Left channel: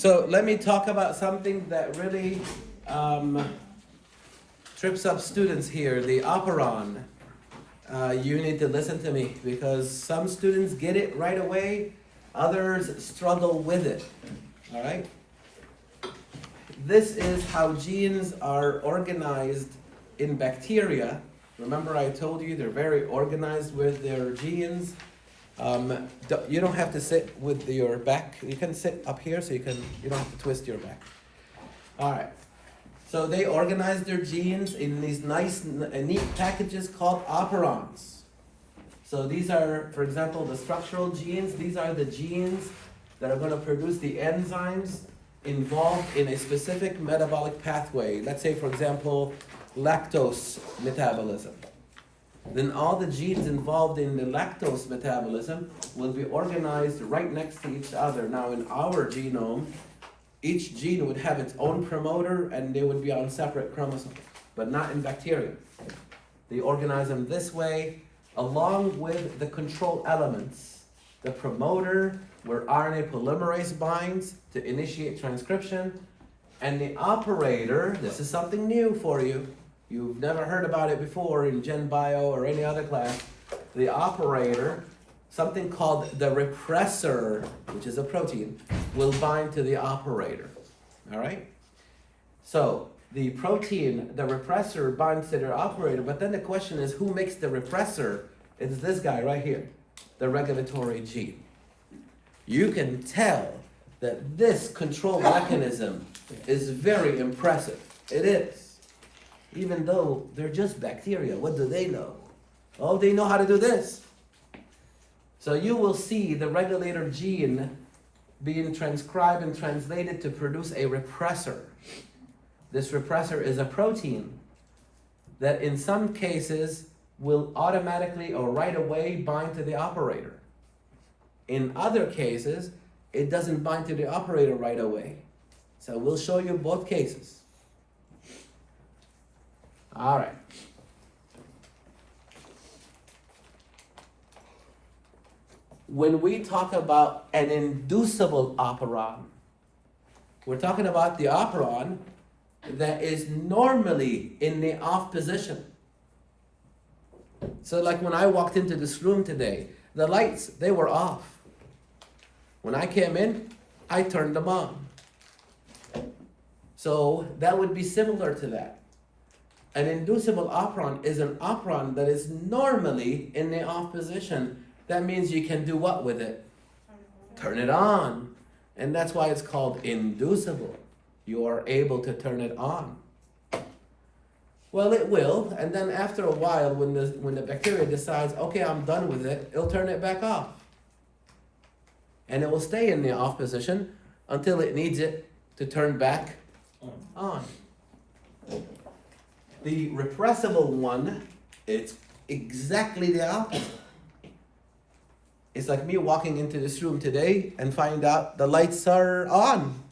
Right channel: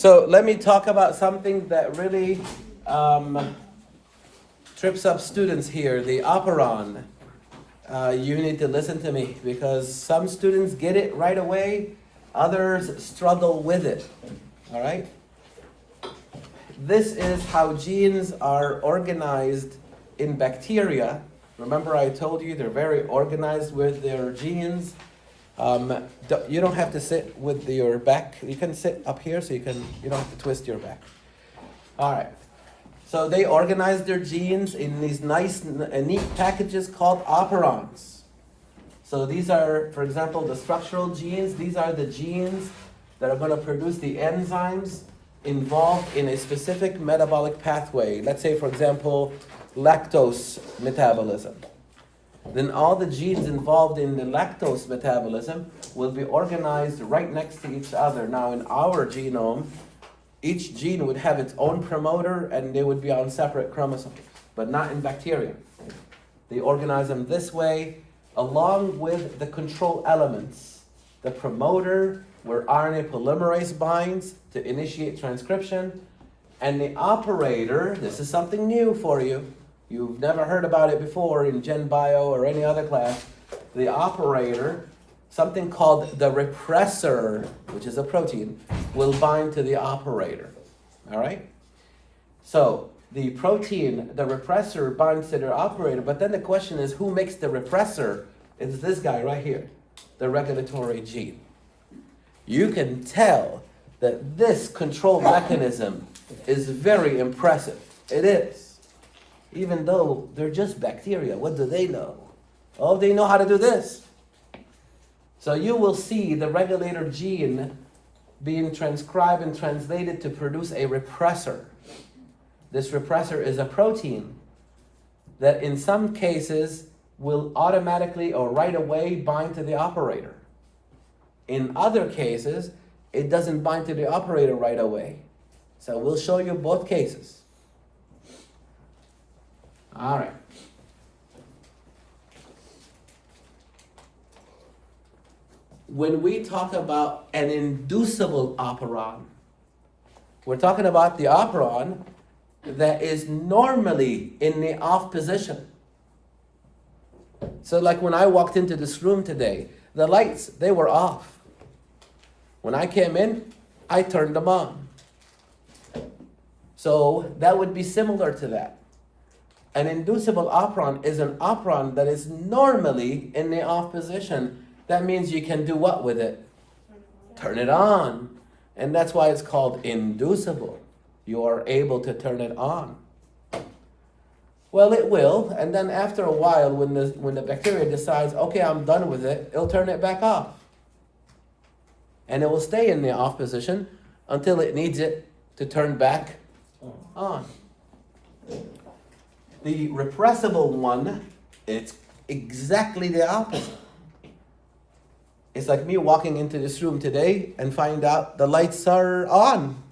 So let me talk about something that really trips up students here, the operon. You need to listen to me because some students get it right away, others struggle with it, all right? This is how genes are organized in bacteria. Remember I told you they're very organized with their genes. You don't have to sit with your back. You can sit up here so you don't have to twist your back. All right. So they organize their genes in these nice, neat packages called operons. So these are, for example, the structural genes. These are the genes that are going to produce the enzymes involved in a specific metabolic pathway. Let's say, for example, lactose metabolism. Then all the genes involved in the lactose metabolism will be organized right next to each other. Now in our genome, each gene would have its own promoter and they would be on separate chromosomes, but not in bacteria. They organize them this way, along with the control elements. The promoter, where RNA polymerase binds to initiate transcription, and the operator, this is something new for you. You've never heard about it before in Gen Bio or any other class. The operator, something called the repressor, which is a protein, will bind to the operator, all right? So the protein, the repressor binds to the operator, but then the question is, who makes the repressor? It's this guy right here, the regulatory gene. You can tell that this control mechanism is very impressive. It is. Even though they're just bacteria, what do they know? Oh, they know how to do this. So you will see the regulator gene being transcribed and translated to produce a repressor. This repressor is a protein that in some cases will automatically or right away bind to the operator. In other cases, it doesn't bind to the operator right away. So we'll show you both cases. All right. When we talk about an inducible operon, we're talking about the operon that is normally in the off position. So like when I walked into this room today, the lights, they were off. When I came in, I turned them on. So that would be similar to that. An inducible operon is an operon that is normally in the off position. That means you can do what with it? Turn it on. And that's why it's called inducible. You are able to turn it on. Well, it will, and then after a while, when the bacteria decides, okay, I'm done with it, it'll turn it back off. And it will stay in the off position until it needs it to turn back on. The repressible one, it's exactly the opposite. It's like me walking into this room today and find out the lights are on.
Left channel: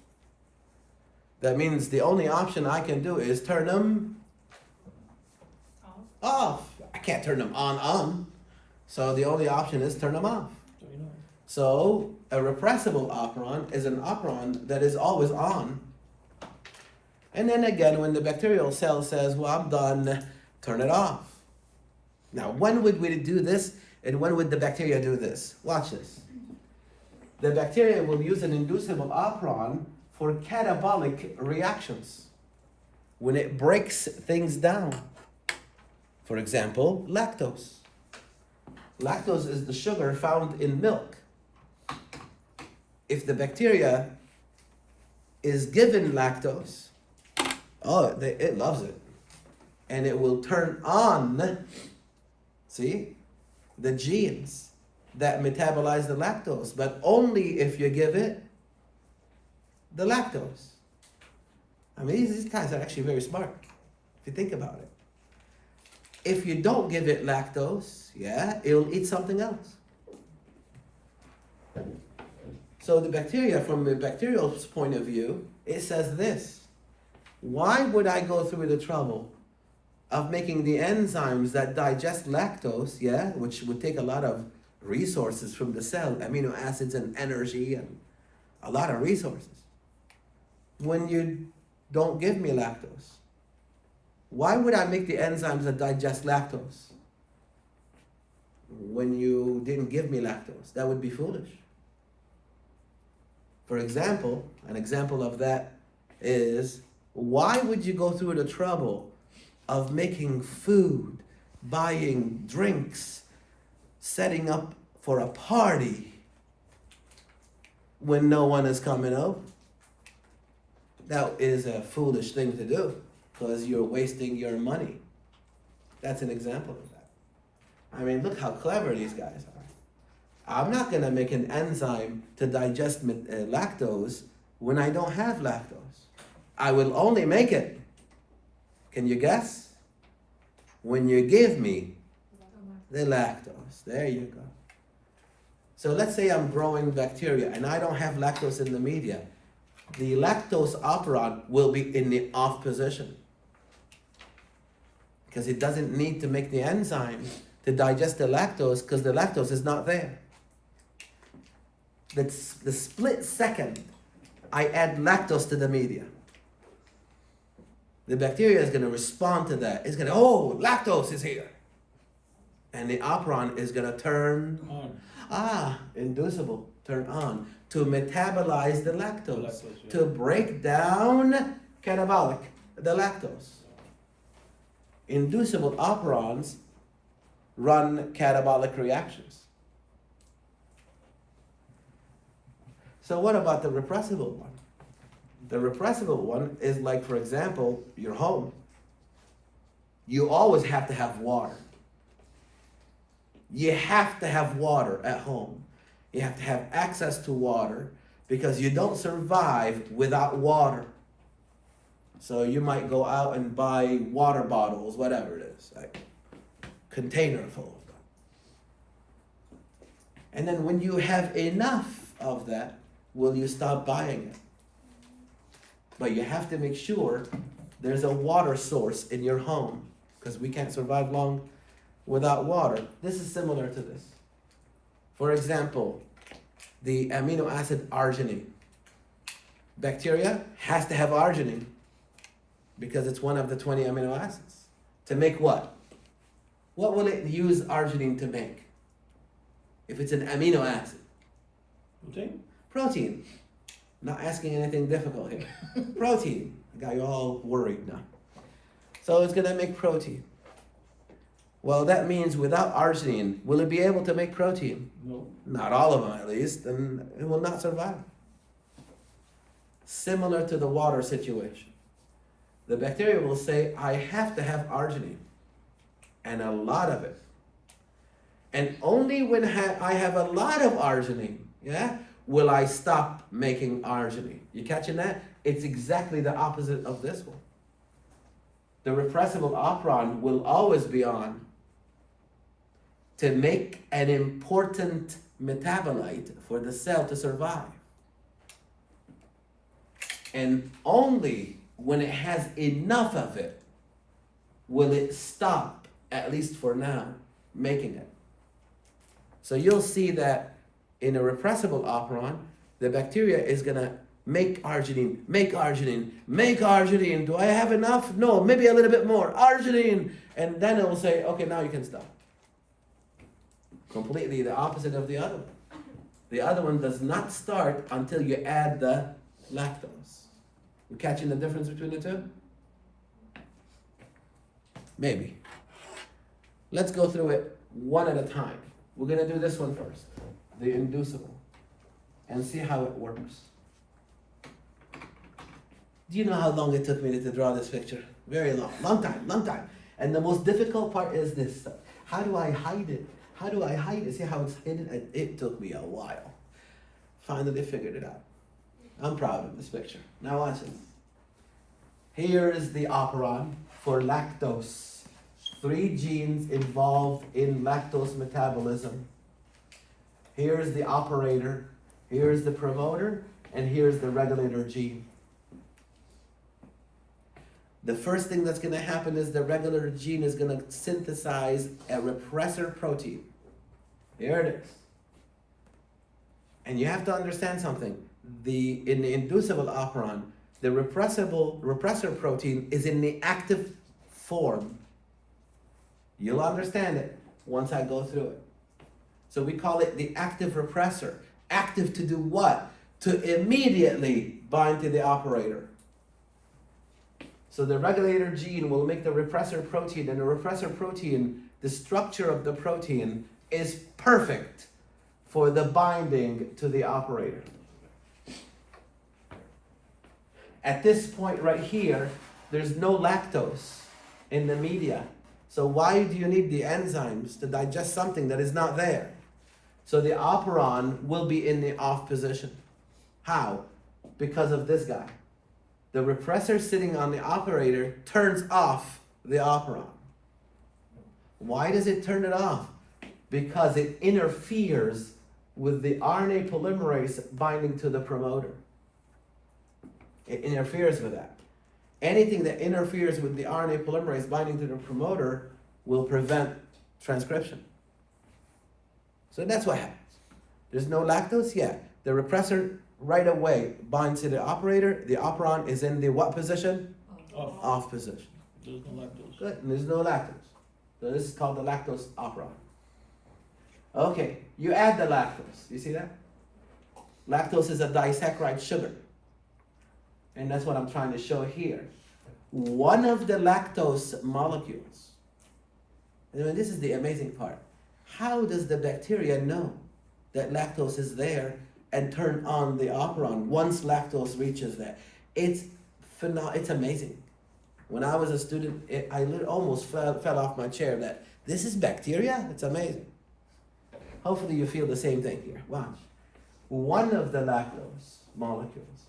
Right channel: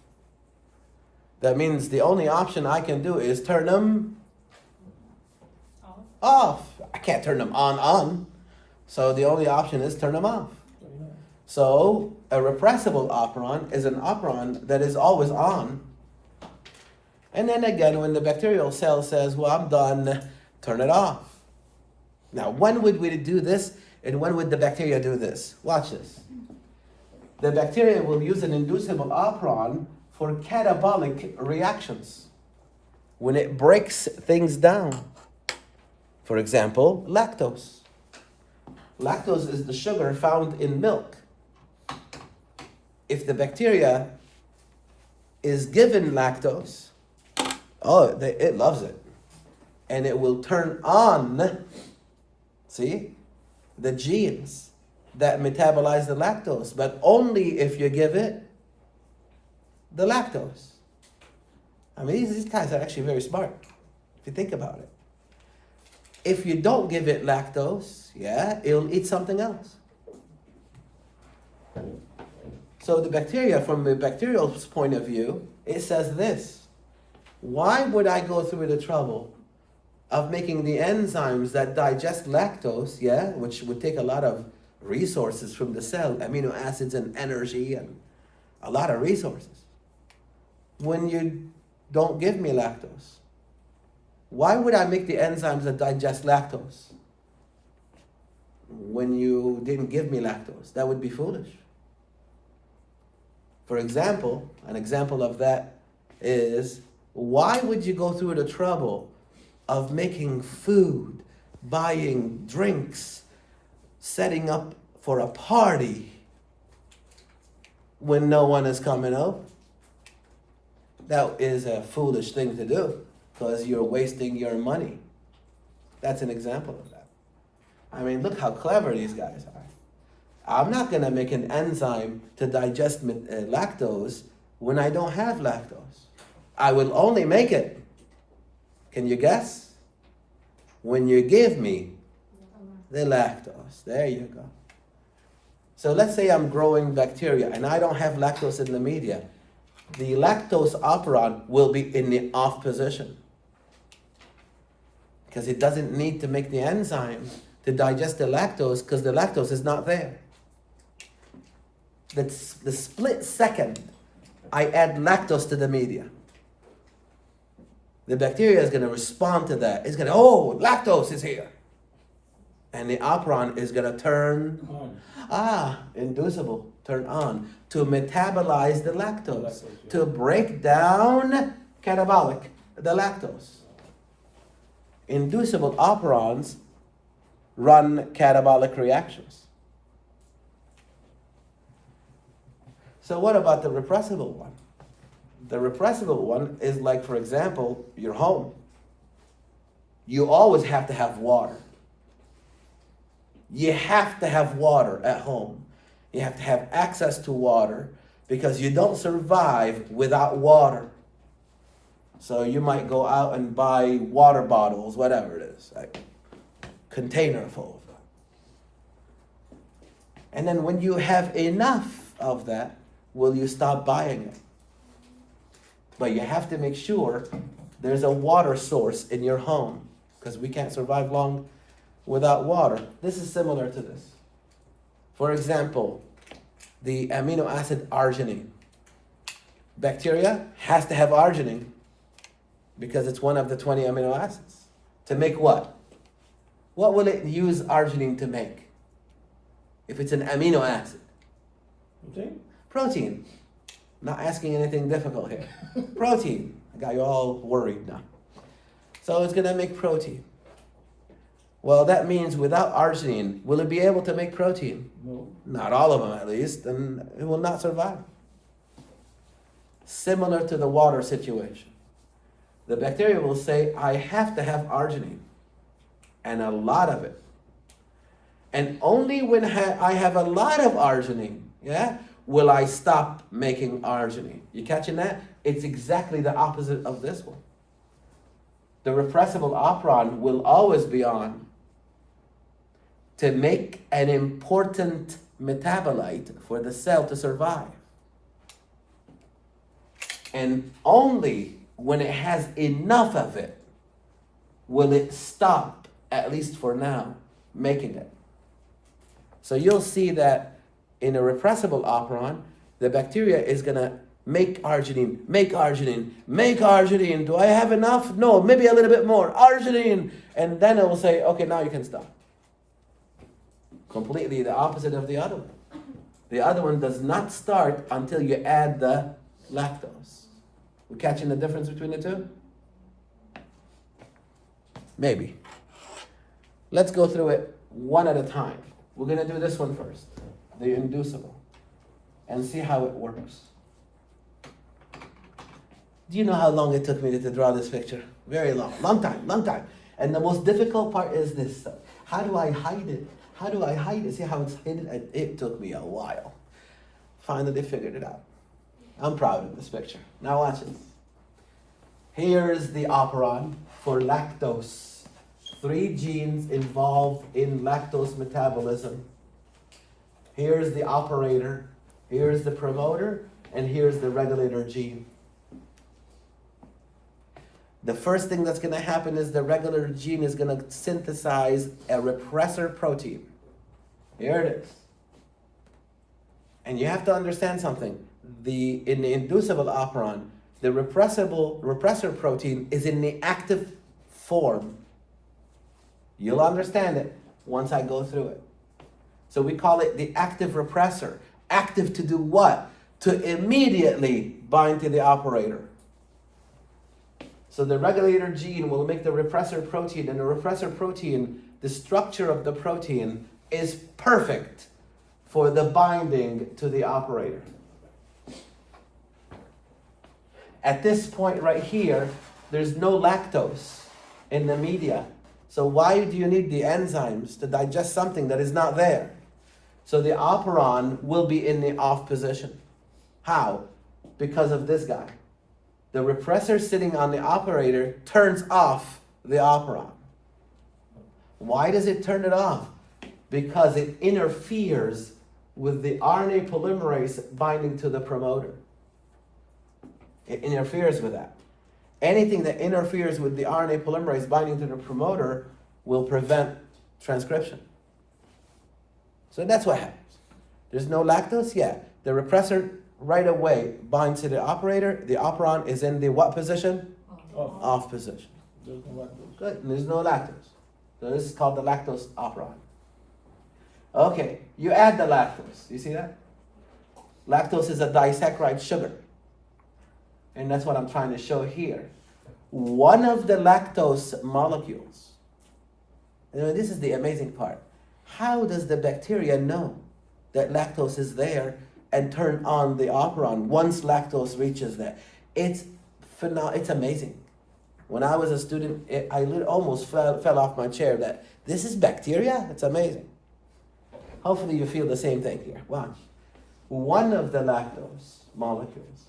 That means the only option I can do is turn them off. I can't turn them on. So the only option is turn them off. So a repressible operon is an operon that is always on. And then again, when the bacterial cell says, well, I'm done, turn it off. Now, when would we do this? And when would the bacteria do this? Watch this. The bacteria will use an inducible operon for catabolic reactions. When it breaks things down. For example, lactose. Lactose is the sugar found in milk. If the bacteria is given lactose, it loves it. And it will turn on, see, the genes that metabolize the lactose, but only if you give it the lactose. I mean, these guys are actually very smart, if you think about it. If you don't give it lactose, it'll eat something else. So the bacteria, from the bacterial point of view, it says this: why would I go through the trouble of making the enzymes that digest lactose, which would take a lot of resources from the cell, amino acids and energy and a lot of resources. when you don't give me lactose? Why would I make the enzymes that digest lactose when you didn't give me lactose? That would be foolish. For example, an example of that is, why would you go through the trouble of making food, buying drinks, setting up for a party when no one is coming over? That is a foolish thing to do because you're wasting your money. That's an example of that. I mean, look how clever these guys are. I'm not going to make an enzyme to digest lactose when I don't have lactose. I will only make it, can you guess? When you give me the lactose. There you go. So let's say I'm growing bacteria and I don't have lactose in the media. The lactose operon will be in the off position because it doesn't need to make the enzyme to digest the lactose because the lactose is not there. That's the split second I add lactose to the media. The bacteria is going to respond to that. It's going to, oh, lactose is here. And the operon is going to turn on. Inducible, turn on. To metabolize the lactose. Yeah. To break down catabolic, the lactose. Inducible operons run catabolic reactions. So what about the repressible one? The repressible one is like, for example, your home. You always have to have water. You have to have water at home. You have to have access to water because you don't survive without water. So you might go out and buy water bottles, whatever it is, like container full of them. And then when you have enough of that, will you stop buying it? But you have to make sure there's a water source in your home because we can't survive long without water. This is similar to this. For example, the amino acid arginine. Bacteria has to have arginine because it's one of the 20 amino acids. To make what? What will it use arginine to make? If it's an amino acid. Okay? Protein. Not asking anything difficult here. Protein. I got you all worried now. So it's going to make protein. Well, that means without arginine, will it be able to make protein? No. Not all of them, at least, and it will not survive. Similar to the water situation. The bacteria will say, I have to have arginine, and a lot of it. And only when I have a lot of arginine, will I stop making arginine. You catching that? It's exactly the opposite of this one. The repressible operon will always be on to make an important metabolite for the cell to survive. And only when it has enough of it will it stop, at least for now, making it. So you'll see that in a repressible operon, the bacteria is going to make arginine, make arginine, make arginine. Do I have enough? No, maybe a little bit more. Arginine. And then it will say, okay, now you can stop. Completely the opposite of the other one. The other one does not start until you add the lactose. We catching the difference between the two? Maybe. Let's go through it one at a time. We're going to do this one first, the inducible, and see how it works. Do you know how long it took me to draw this picture? Very long. Long time. And the most difficult part is this. How do I hide it? How do I hide it? See how it's hidden? It took me a while. Finally figured it out. I'm proud of this picture. Now watch this. Here's the operon for lactose. 3 genes involved in lactose metabolism. Here's the operator. Here's the promoter. And here's the regulator gene. The first thing that's going to happen is the regulator gene is going to synthesize a repressor protein. Here it is. And you have to understand something. In the inducible operon, The repressor protein is in the active form. You'll understand it once I go through it. So we call it the active repressor. Active to do what? To immediately bind to the operator. So the regulator gene will make the repressor protein, and the repressor protein, the structure of the protein is perfect for the binding to the operator. At this point right here, there's no lactose in the media. So why do you need the enzymes to digest something that is not there? So the operon will be in the off position. How? Because of this guy. The repressor sitting on the operator turns off the operon. Why does it turn it off? Because it interferes with the RNA polymerase binding to the promoter. It interferes with that. Anything that interferes with the RNA polymerase binding to the promoter will prevent transcription. So that's what happens. There's no lactose yet. The repressor right away binds to the operator. The operon is in the what position? Off position. There's no lactose. Good, and there's no lactose. So this is called the lactose operon. Okay, you add the lactose. You see that? Lactose is a disaccharide sugar. And that's what I'm trying to show here. One of the lactose molecules, and this is the amazing part. How does the bacteria know that lactose is there and turn on the operon once lactose reaches there? It's amazing. When I was a student, I almost fell off my chair that this is bacteria? It's amazing. Hopefully you feel the same thing here. Watch. One of the lactose molecules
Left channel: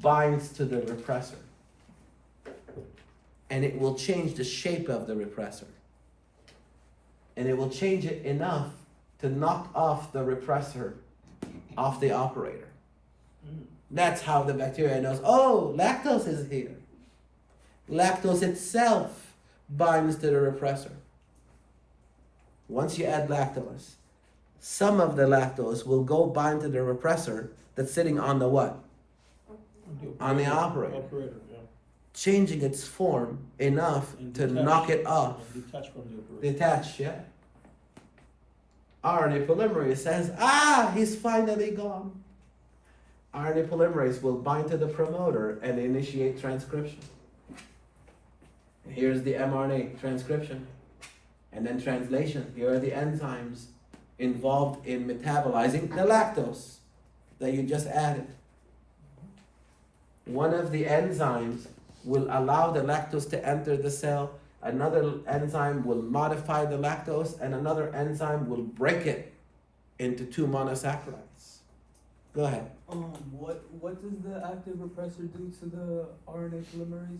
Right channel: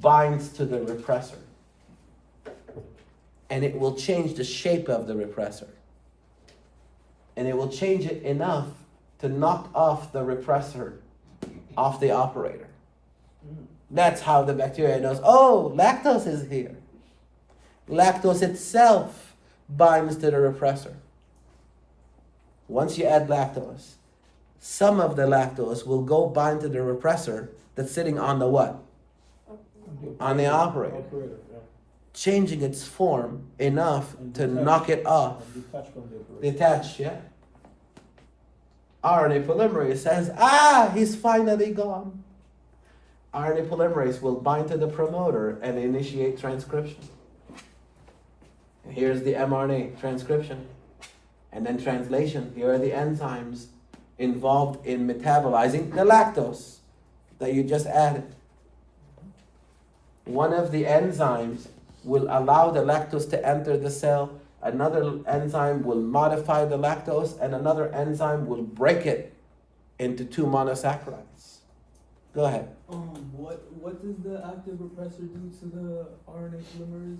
binds to the repressor, and it will change the shape of the repressor, and it will change it enough to knock off the repressor off the operator. That's how the bacteria knows, oh, lactose is here. Lactose itself binds to the repressor. Once you add lactose, some of the lactose will go bind to the repressor that's sitting on the what? On the operator. Yeah. Changing its form enough to knock it off. And detach from the operator. Detach, yeah. RNA polymerase says, he's finally gone. RNA polymerase will bind to the promoter and initiate transcription. Here's the mRNA transcription. And then translation. Here are the enzymes involved in metabolizing the lactose that you just added. One of the enzymes will allow the lactose to enter the cell. Another enzyme will modify the lactose, and another enzyme will break it into two monosaccharides. Go ahead. What does the active repressor do to the RNA polymerase?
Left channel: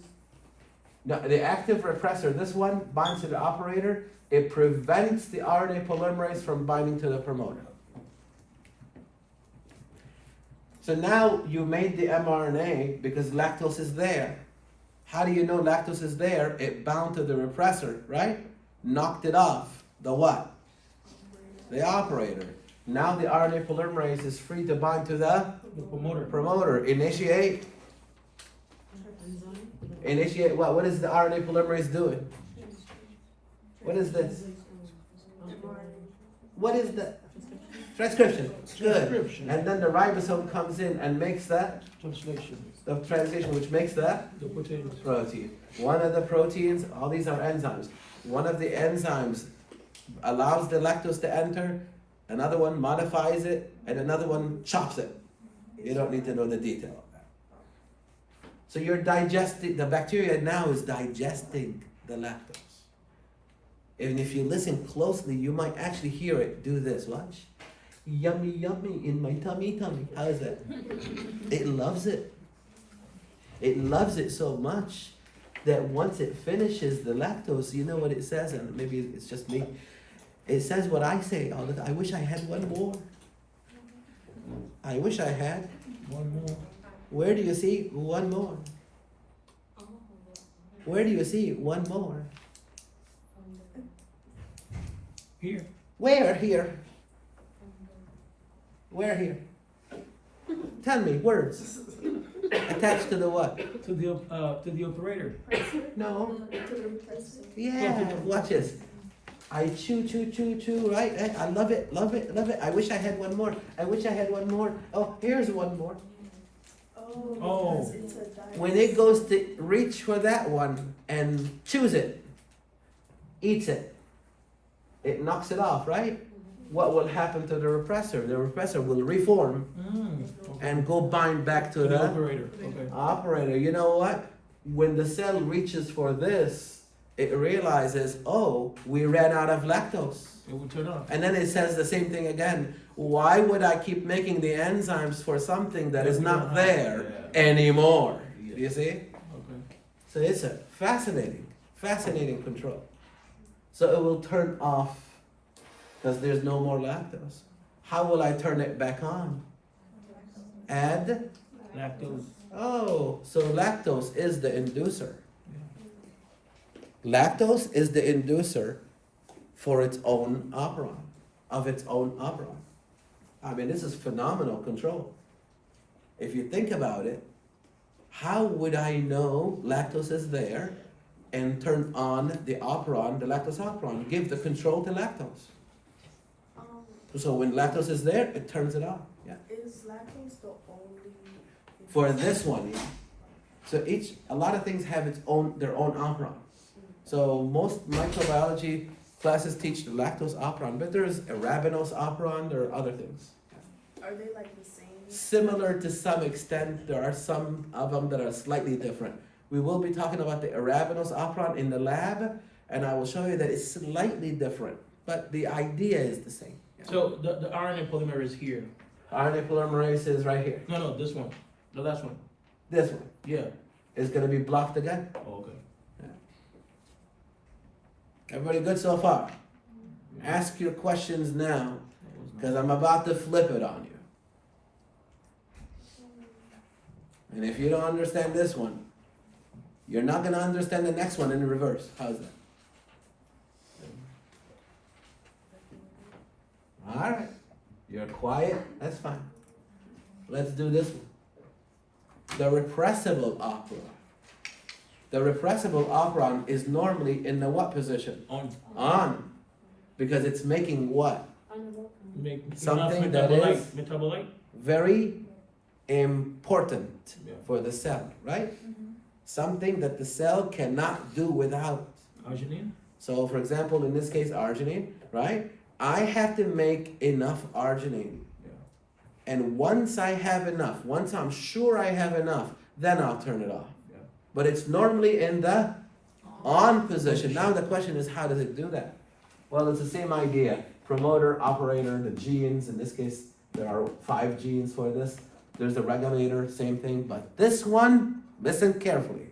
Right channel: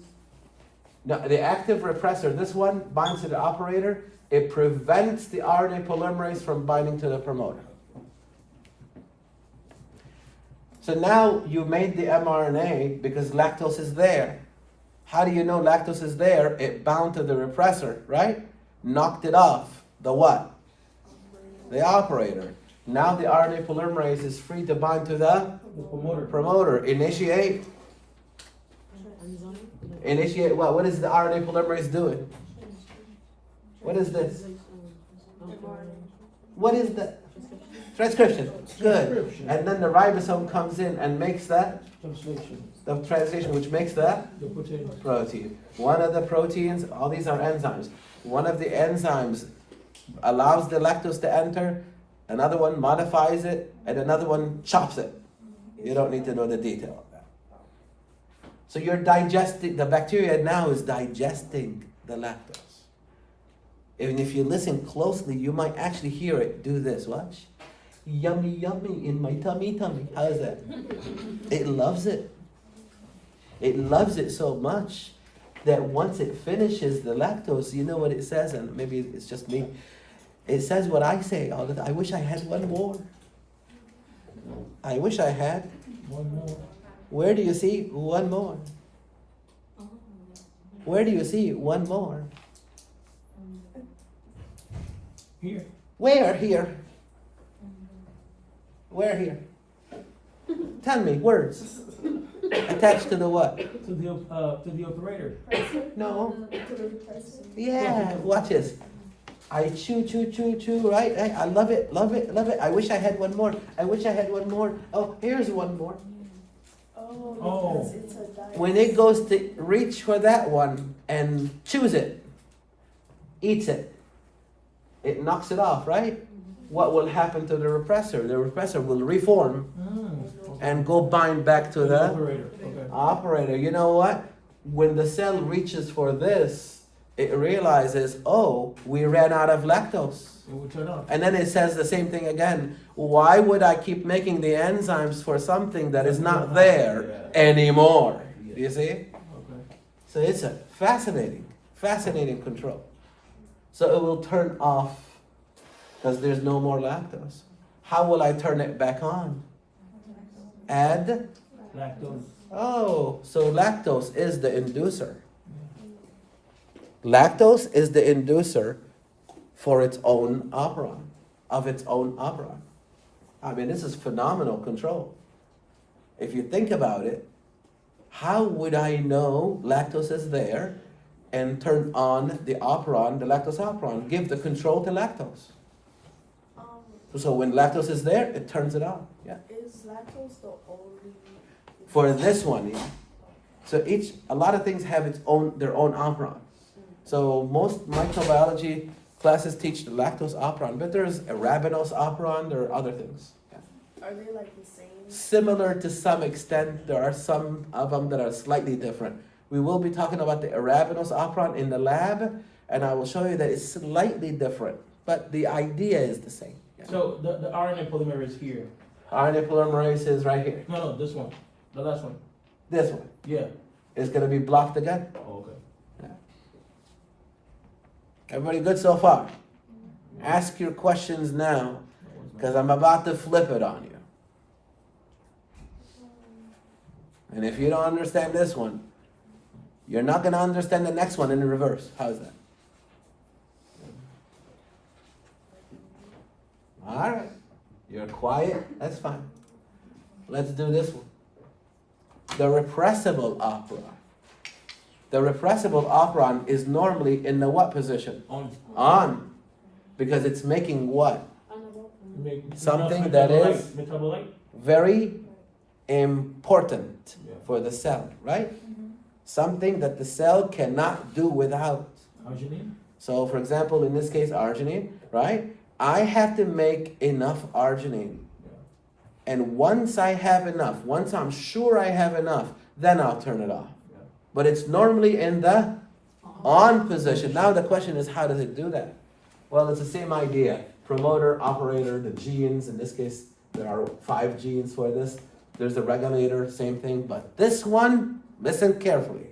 No, the active repressor, this one binds to the operator. It prevents the RNA polymerase from binding to the promoter. So now you made the mRNA because lactose is there. How do you know lactose is there? It bound to the repressor, right? Knocked it off. The what? The operator. Now the RNA polymerase is free to bind to the promoter. Initiate. Initiate what? What is the RNA polymerase doing? What is this? What is that? Transcription. Good. And then the ribosome comes in and makes that the translation, which makes that The protein. One of the proteins, all these are enzymes. One of the enzymes allows the lactose to enter, another one modifies it, and another one chops it. You don't need to know the detail of that. So you're digesting, the bacteria now is digesting the lactose. And if you listen closely, you might actually hear it do this. Watch. Yummy, yummy in my tummy, tummy. How is that? It loves it. It loves it so much that once it finishes the lactose, you know what it says, and maybe it's just me. It says what I say all the time. I wish I had one more. I wish I had one more. Where do you see one more? Where do you see one more? Here. Where here? Where here? Tell me words. Attached to the what? To the operator. No. To the repressor. Yeah, watch this. I chew, right? I love it, love it, love it. I wish I had one more. I wish I had one more. Oh, here's one more. Oh, because it's a dice. When it goes to reach for that one and chews it, eats it, it knocks it off, right? What will happen to the repressor? The repressor will reform and go bind back to To the the operator, okay. operator. You know what? When the cell reaches for this, it realizes, oh, we ran out of lactose. It will turn off. And then it says the same thing again. Why would I keep making the enzymes for something that is not there anymore? You see? Okay. So it's a fascinating control. So it will turn off because there's no more lactose. How will I turn it back on? Add? Lactose. Oh, so lactose is the inducer. Lactose is the inducer for its own operon, of its own operon. I mean, this is phenomenal control. If you think about it, how would I know lactose is there and turn on the operon, the lactose operon, give the control to lactose? So when lactose is there, it turns it on. Yeah. Is lactose the only? For this one, yeah. So a lot of things have their own operon. So most microbiology classes teach the lactose operon, but there's arabinose operon, there are other things. Are they like the same? Similar to some extent, there are some of them that are slightly different. We will be talking about the arabinose operon in the lab, and I will show you that it's slightly different, but the idea is the same. So the RNA polymerase is here. RNA polymerase is right here. No, this one. The last one. This one Yeah. is going to be blocked again. Oh, okay. Everybody good so far? Ask your questions now, because I'm about to flip it on you. And if you don't understand this one, you're not going to understand the next one in the reverse. How's that? All right. You're quiet. That's fine. Let's do this one. The repressible operon. The repressible operon is normally in the what position? On. Because it's making what? Make Something enough that is metabolite. very important Yeah. for the cell, right? Something that the cell cannot do without. Arginine. So, for example, in this case, arginine, right? I have to make enough arginine. Yeah. And once I have enough, once I'm sure I have enough, then I'll turn it off. Yeah. But it's normally in the on position. Now the question is, how does it do that? Well, it's the same idea. Promoter, operator, the genes. In this case, there are 5 genes for this. There's the regulator, same thing. But this one, listen carefully.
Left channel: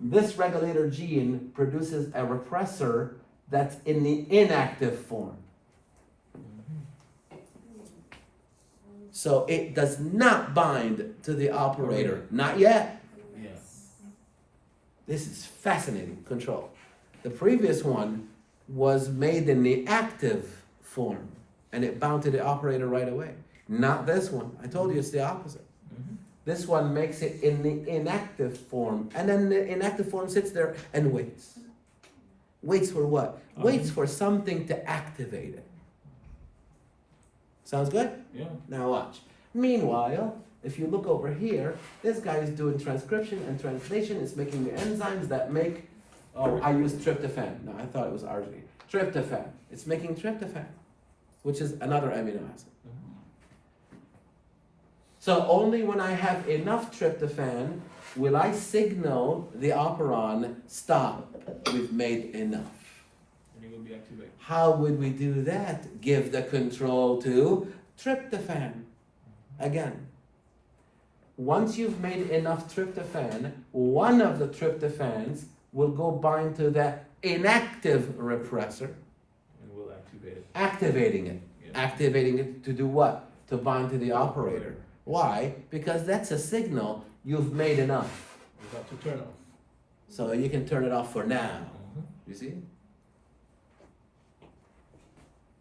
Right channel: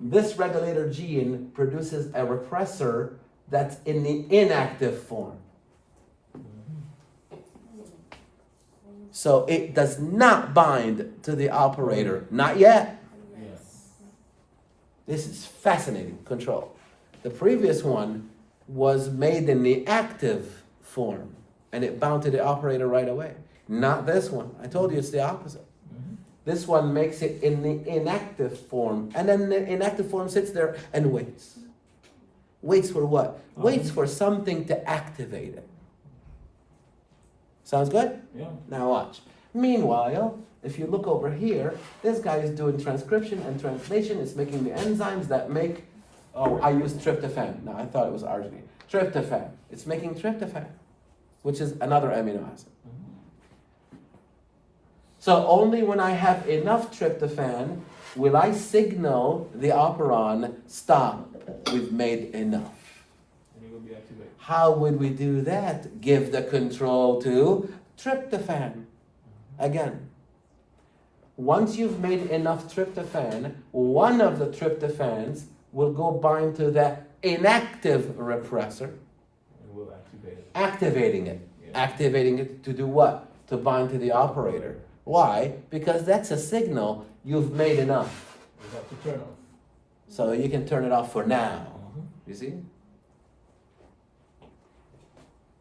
This regulator gene produces a repressor that's in the inactive form. So it does not bind to the operator. Not yet. Yes. This is fascinating control. The previous one was made in the active form and it bound to the operator right away. Not this one. I told you it's the opposite. This one makes it in the inactive form, and then the inactive form sits there and waits. Waits for what? Waits for something to activate it. Sounds good? Yeah. Now watch. Meanwhile, if you look over here, this guy is doing transcription and translation. It's making the enzymes that make, oh, I used tryptophan. No, I thought it was arginine. Tryptophan. It's making tryptophan, which is another amino acid. So only when I have enough tryptophan will I signal the operon, stop, we've made enough. And it will be activated. How would we do that? Give the control to tryptophan. Again, once you've made enough tryptophan, one of the tryptophans will go bind to the inactive repressor, And we'll activate it. activating it. Yeah. Activating it to do what? To bind to the operator. Why? Because that's a signal you've made enough. We have to turn off. So you can turn it off for now. You see?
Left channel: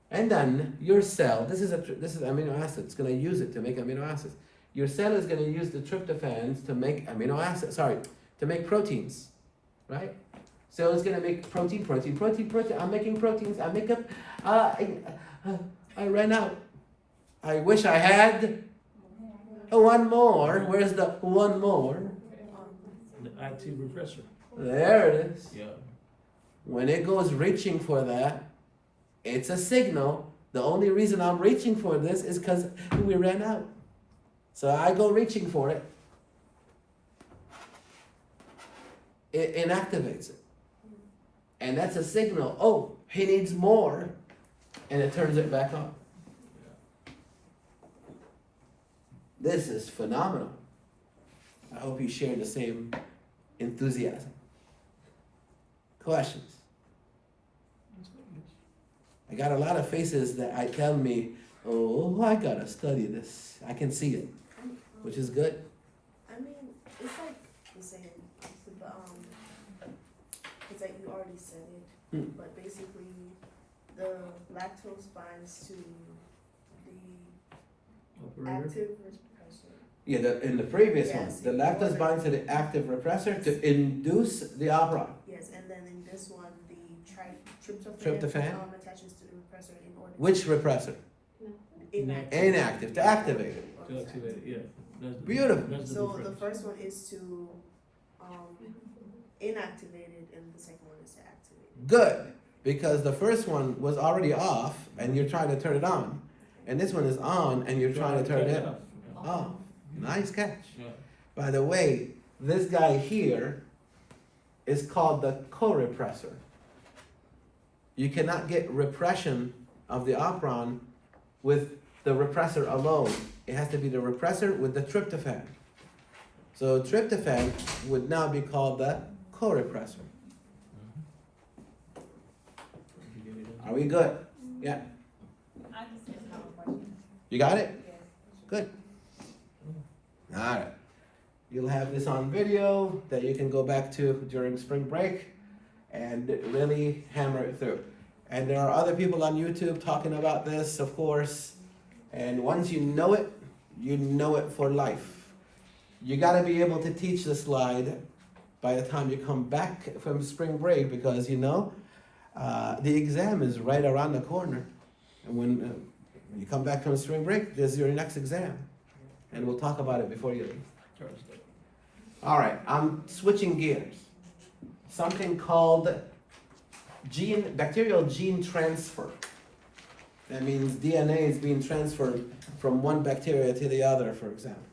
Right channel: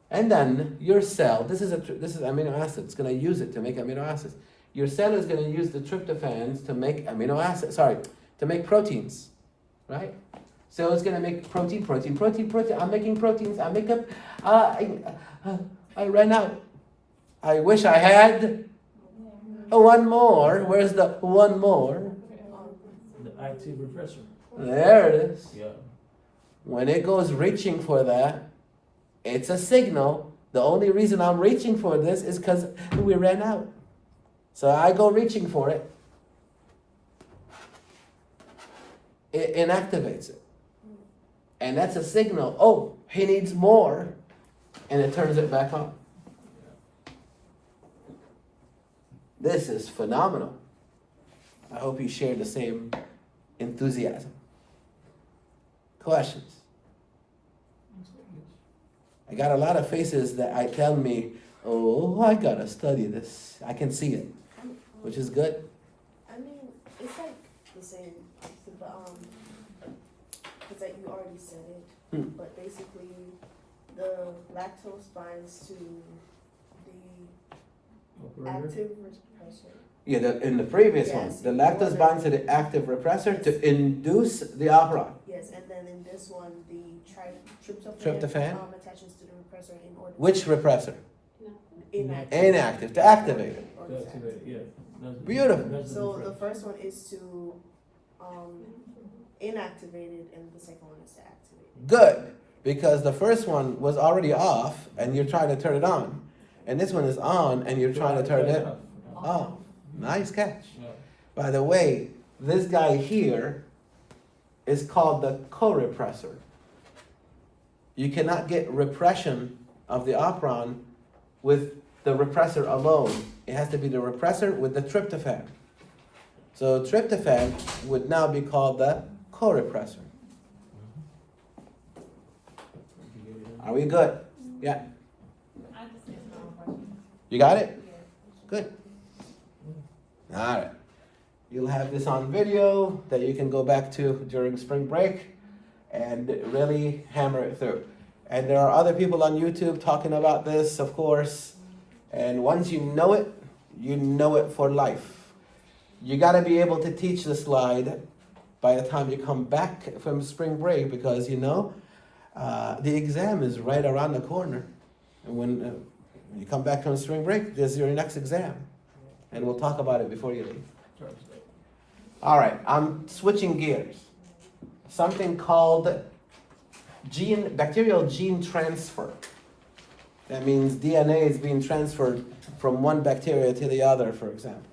And then your cell, this is amino acid. It's going to use it to make amino acids. your cell is going to use the tryptophans to make amino acids, to make proteins, right? So it's going to make protein. I'm making proteins. I ran out. I wish I had one more. Where's the one more? The active repressor. There it is. Yeah. When it goes reaching for that, it's a signal. The only reason I'm reaching for this is because we ran out. So I go reaching for it. It inactivates it. And that's a signal. Oh, he needs more. And it turns it back on. This is phenomenal. I hope you share the same enthusiasm. Questions? I got a lot of faces that tell me, oh, I gotta study this. I can see it, which is good. I mean, it's like the same, but it's like you already said it, but basically the lactose binds to the active repressor. Yeah, in the previous Yes. one, the lactose binds to the active repressor to induce the operon. Yes, and then in this one, the Tryptophan? attaches to the repressor in order Which repressor? inactive. Inactive, to activate it. To activate it, yeah. That's the, Beautiful. That's the So the difference. first one is to inactivate it, and the second one is to activate it. Good, because the first one was already off and you're trying to turn it on. And this one is on and you're trying to turn it off. Nice catch. Yeah. By the way, this guy here is called the co-repressor. You cannot get repression of the operon with the repressor alone. It has to be the repressor with the tryptophan. So tryptophan would now be called the co-repressor. Are we good? Yeah. You got it? Good. All right. You'll have this on video that you can go back to during spring break and really hammer it through. And there are other people on YouTube talking about this, of course. And once you know it for life. You got to be able to teach the slide by the time you come back from spring break because the exam is right around the corner. And when you come back from spring break, there's your next exam. And we'll talk about it before you leave. All right, I'm switching gears. Something called bacterial gene transfer. That means DNA is being transferred from one bacteria to the other, for example.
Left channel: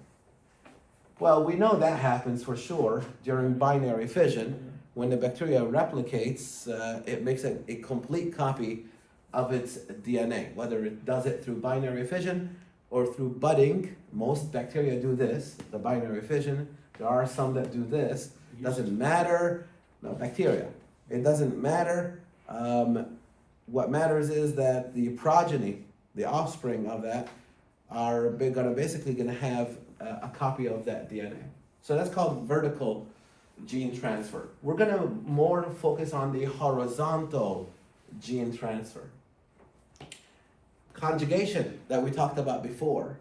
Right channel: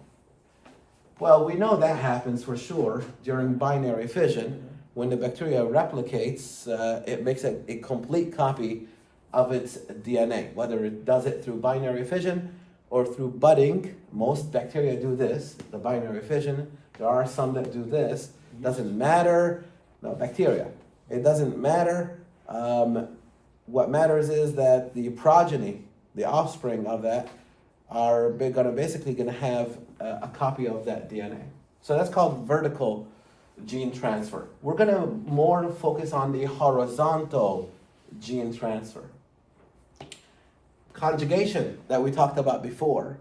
Well, we know that happens for sure during binary fission. When the bacteria replicates, it makes a complete copy of its DNA, whether it does it through binary fission or through budding. Most bacteria do this, the binary fission. There are some that do this. Doesn't matter. No, bacteria. It doesn't matter. What matters is that the progeny, the offspring of that, are basically going to have a copy of that DNA. So that's called vertical gene transfer. We're going to more focus on the horizontal gene transfer. Conjugation that we talked about before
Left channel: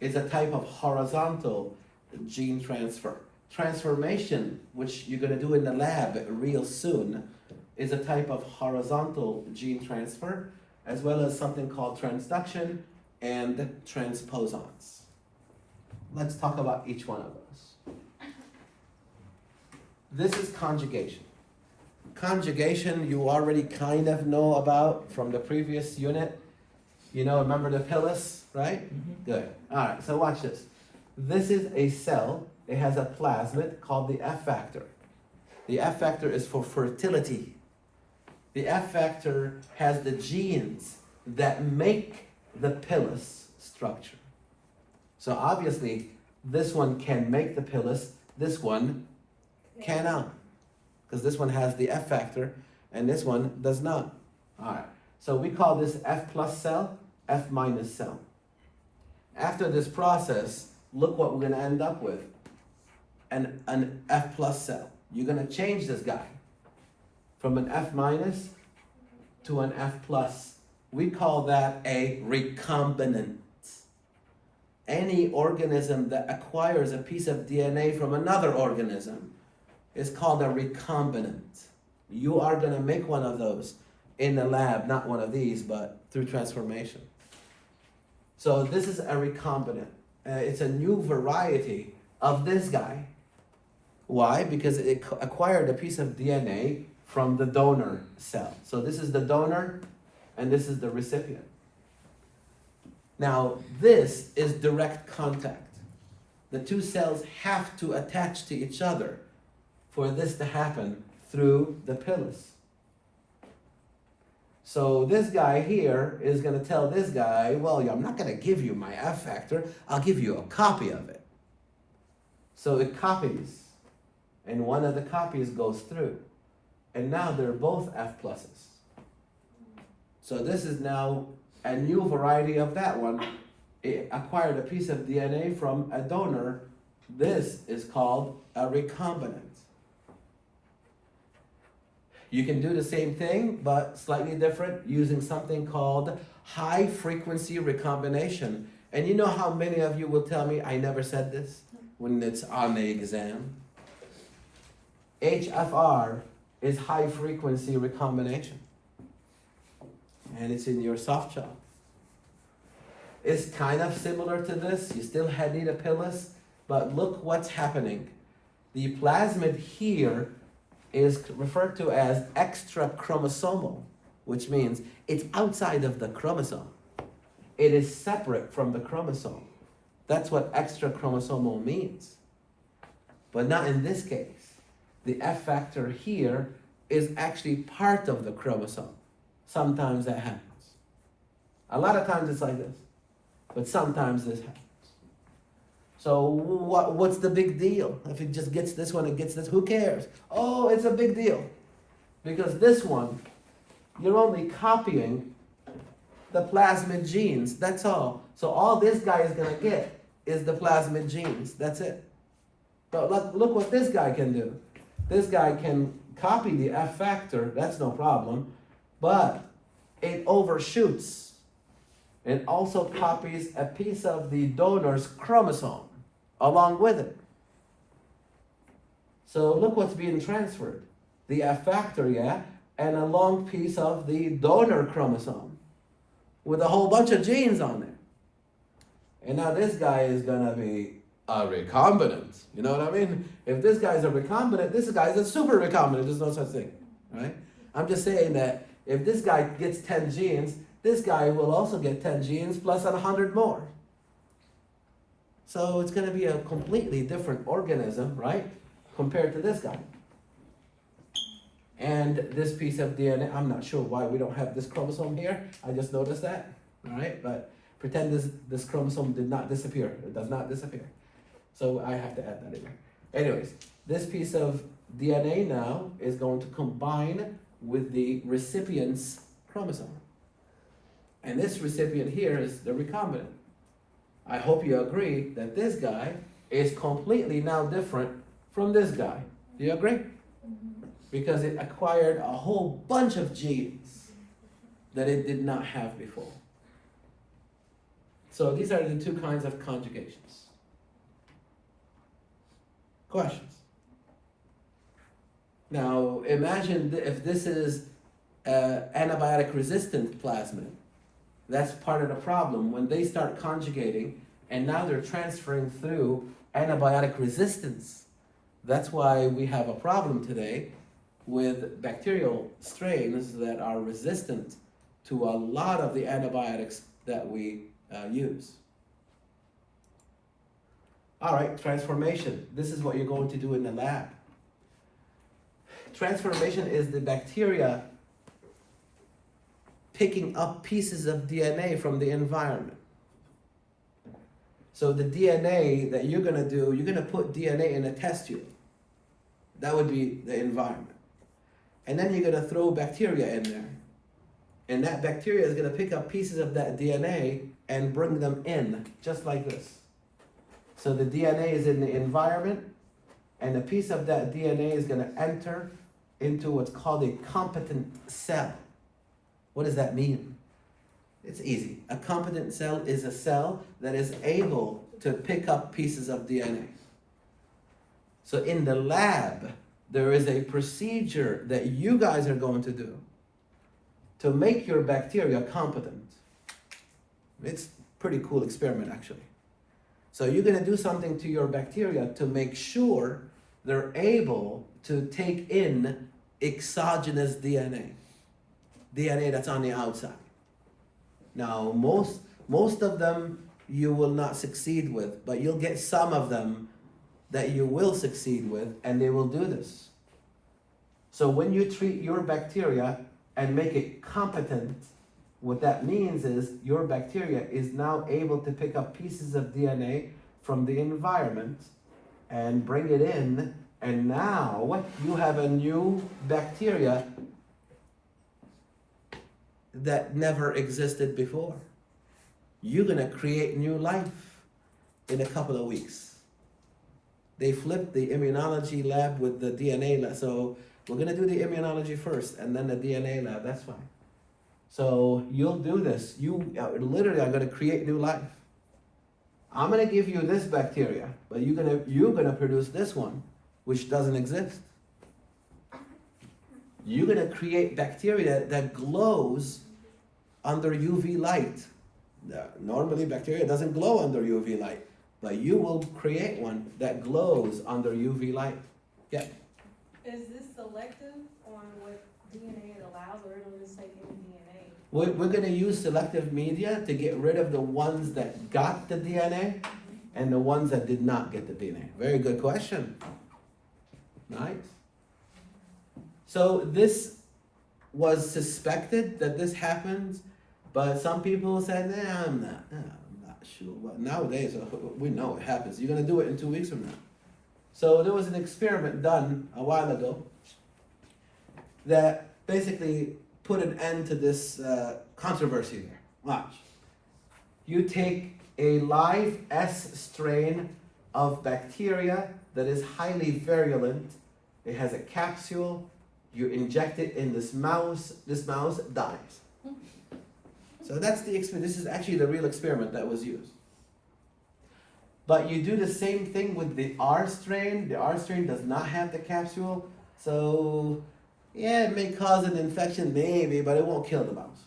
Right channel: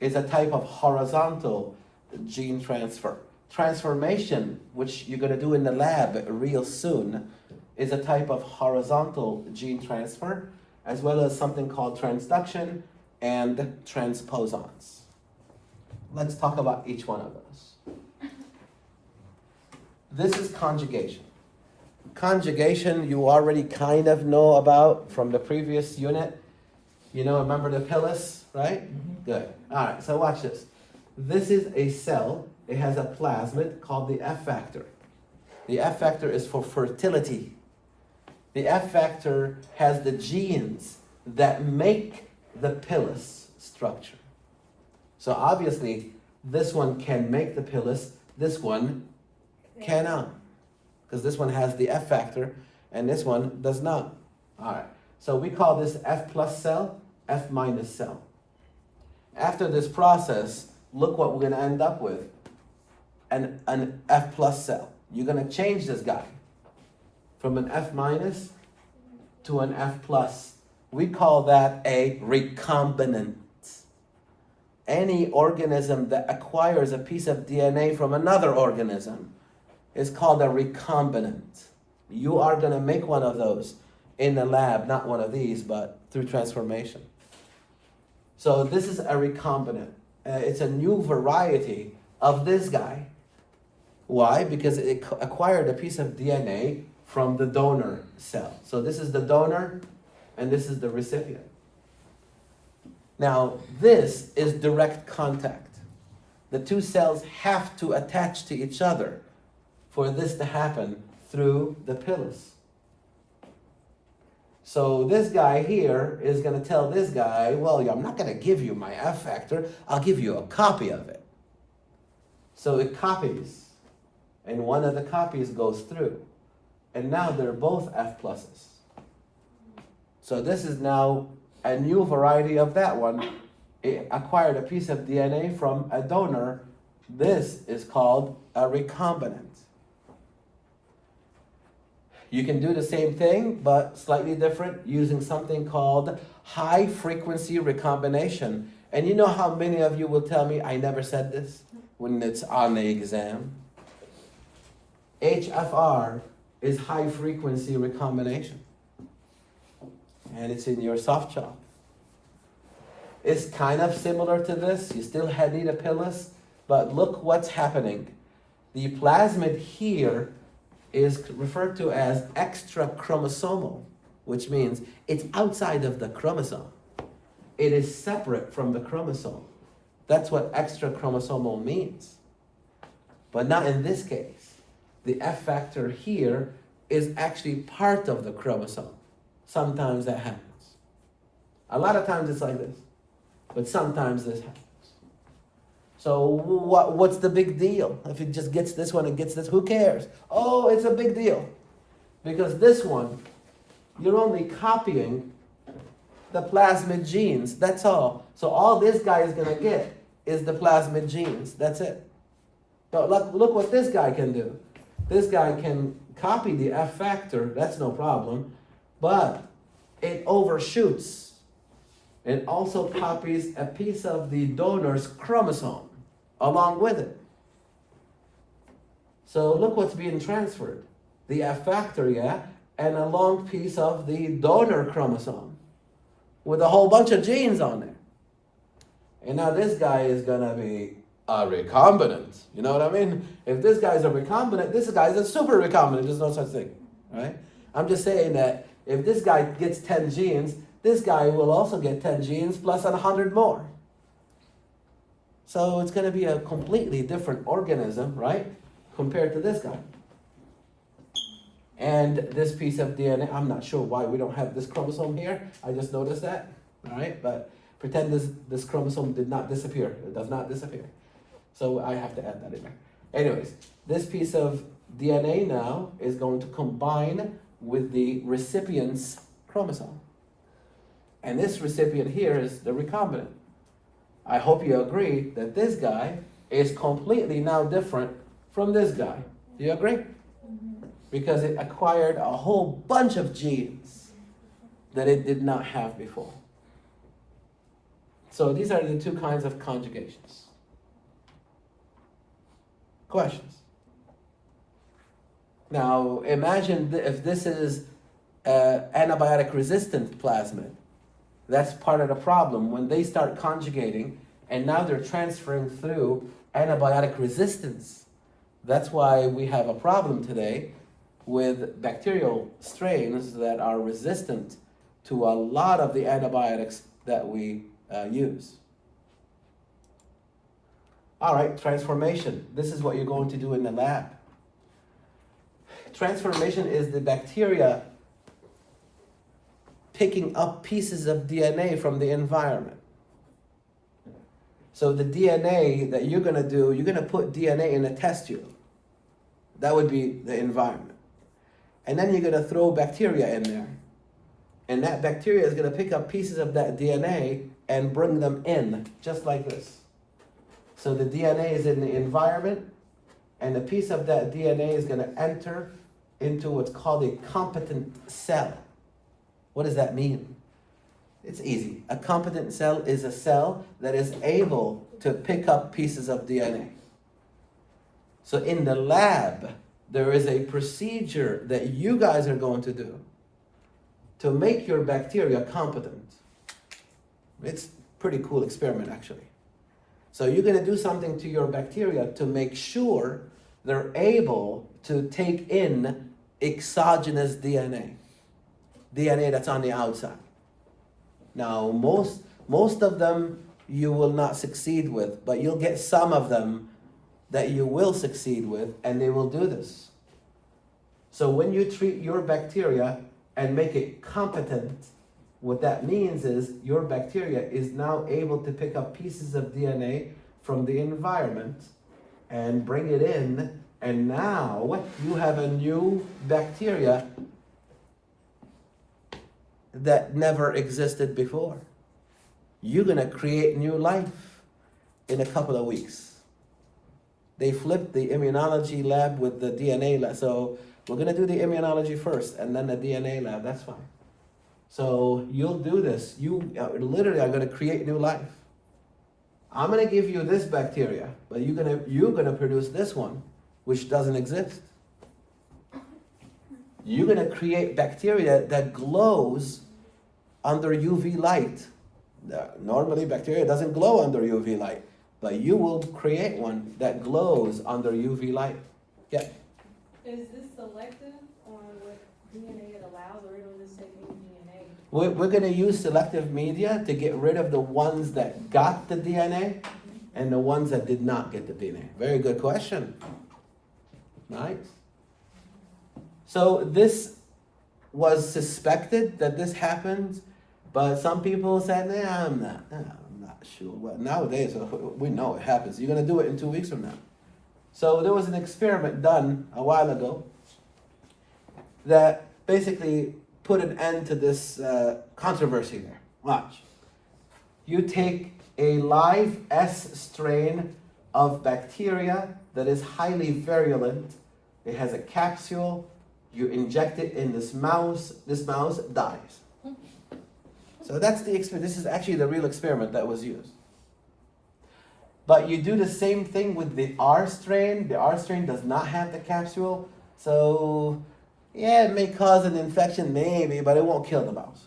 is a type of horizontal gene transfer. Transformation, which you're going to do in the lab real soon, is a type of horizontal gene transfer, as well as something called transduction and transposons. Let's talk about each one of those. This is conjugation. Conjugation you already kind of know about from the previous unit. Remember the pilus, right? Mm-hmm. Good. All right, so watch this. This is a cell. It has a plasmid called the F factor. The F factor is for fertility. The F factor has the genes that make the pilus structure. So obviously, this one can make the pilus, this one cannot. Because this one has the F factor, and this one does not. All right, so we call this F plus cell, F minus cell. After this process, look what we're going to end up with. An F plus cell. You're going to change this guy from an F minus to an F plus. We call that a recombinant. any organism that acquires a piece of DNA from another organism is called a recombinant. You are going to make one of those in the lab, not one of these, but through transformation. So this is a recombinant. It's a new variety of this guy. Why? Because it acquired a piece of DNA from the donor cell. So this is the donor, and this is the recipient. Now, this is direct contact. The two cells have to attach to each other for this to happen through the pilus. So this guy here is going to tell this guy, well, I'm not going to give you my F factor, I'll give you a copy of it. So it copies, and one of the copies goes through. And now they're both F pluses. So this is now a new variety of that one. It acquired a piece of DNA from a donor. This is called a recombinant. You can do the same thing, but slightly different, using something called high frequency recombination. And you know how many of you will tell me, I never said this when it's on the exam? HFR is high frequency recombination. And it's in your soft jaw. It's kind of similar to this. You still need a pilus, but look what's happening. The plasmid here is referred to as extra chromosomal, which means it's outside of the chromosome. It is separate from the chromosome. That's what extra chromosomal means. But not in this case. The F factor here is actually part of the chromosome. Sometimes that happens. A lot of times it's like this, but sometimes this happens. So what's the big deal? If it just gets this one, it gets this, who cares? Oh, it's a big deal. Because this one, you're only copying the plasmid genes, that's all. So all this guy is gonna get is the plasmid genes, that's it. But look what this guy can do. This guy can copy the F factor, that's no problem, but it overshoots. It also copies a piece of the donor's chromosome along with it. So look what's being transferred. The F factor, yeah, and a long piece of the donor chromosome with a whole bunch of genes on it. And now this guy is gonna be a recombinant. You know what I mean? If this guy is a recombinant, this guy is a super recombinant. There's no such thing, right? I'm just saying that if this guy gets 10 genes, this guy will also get 10 genes plus 100 more. So it's going to be a completely different organism, right? Compared to this guy. And this piece of DNA, I'm not sure why we don't have this chromosome here. I just noticed that, all right? But pretend this chromosome did not disappear. It does not disappear. So I have to add that in there. Anyways, this piece of DNA now is going to combine with the recipient's chromosome. And this recipient here is the recombinant. I hope you agree that this guy is completely now different from this guy. Do you agree? Mm-hmm. Because it acquired a whole bunch of genes that it did not have before. So these are the two kinds of conjugations. Questions? Now imagine if this is antibiotic resistant plasmid. That's part of the problem. When they start conjugating and now they're transferring through antibiotic resistance, that's why we have a problem today with bacterial strains that are resistant to a lot of the antibiotics that we use. All right, transformation. This is what you're going to do in the lab. Transformation is the bacteria picking up pieces of DNA from the environment. So the DNA that you're going to do, you're going to put DNA in a test tube. That would be the environment. And then you're going to throw bacteria in there. And that bacteria is going to pick up pieces of that DNA and bring them in, just like this. So the DNA is in the environment, and a piece of that DNA is going to enter into what's called a competent cell. What does that mean? It's easy. A competent cell is a cell that is able to pick up pieces of DNA. So in the lab, there is a procedure that you guys are going to do to make your bacteria competent. It's a pretty cool experiment, actually. So you're going to do something to your bacteria to make sure they're able to take in exogenous DNA that's on the outside. Now, most of them you will not succeed with, but you'll get some of them that you will succeed with, and they will do this. So when you treat your bacteria and make it competent, what that means is your bacteria is now able to pick up pieces of DNA from the environment and bring it in, and now you have a new bacteria that never existed before. You're gonna create new life in a couple of weeks. They flipped the immunology lab with the DNA lab, so we're gonna do the immunology first and then the DNA lab, that's fine. So you'll do this. You literally are gonna create new life. I'm gonna give you this bacteria, but you're gonna produce this one, which doesn't exist. You're gonna create bacteria that glows under UV light. Normally bacteria doesn't glow under UV light, but you will create one that glows under UV light. Yeah. Is this selective on what DNA it allows, or it'll just take any DNA? We're gonna use selective media to get rid of the ones that got the DNA and the ones that did not get the DNA. Very good question. Right? So this was suspected that this happens, but some people said, nah, I'm not sure. Well, nowadays, we know it happens. You're gonna do it in 2 weeks from now. So there was an experiment done a while ago that basically put an end to this controversy there. Watch. You take a live S strain of bacteria that is highly virulent. It has a capsule. You inject it in this mouse dies. So that's the experiment. This is actually the real experiment that was used. But you do the same thing with the R strain. The R strain does not have the capsule. So yeah, it may cause an infection, maybe, but it won't kill the mouse.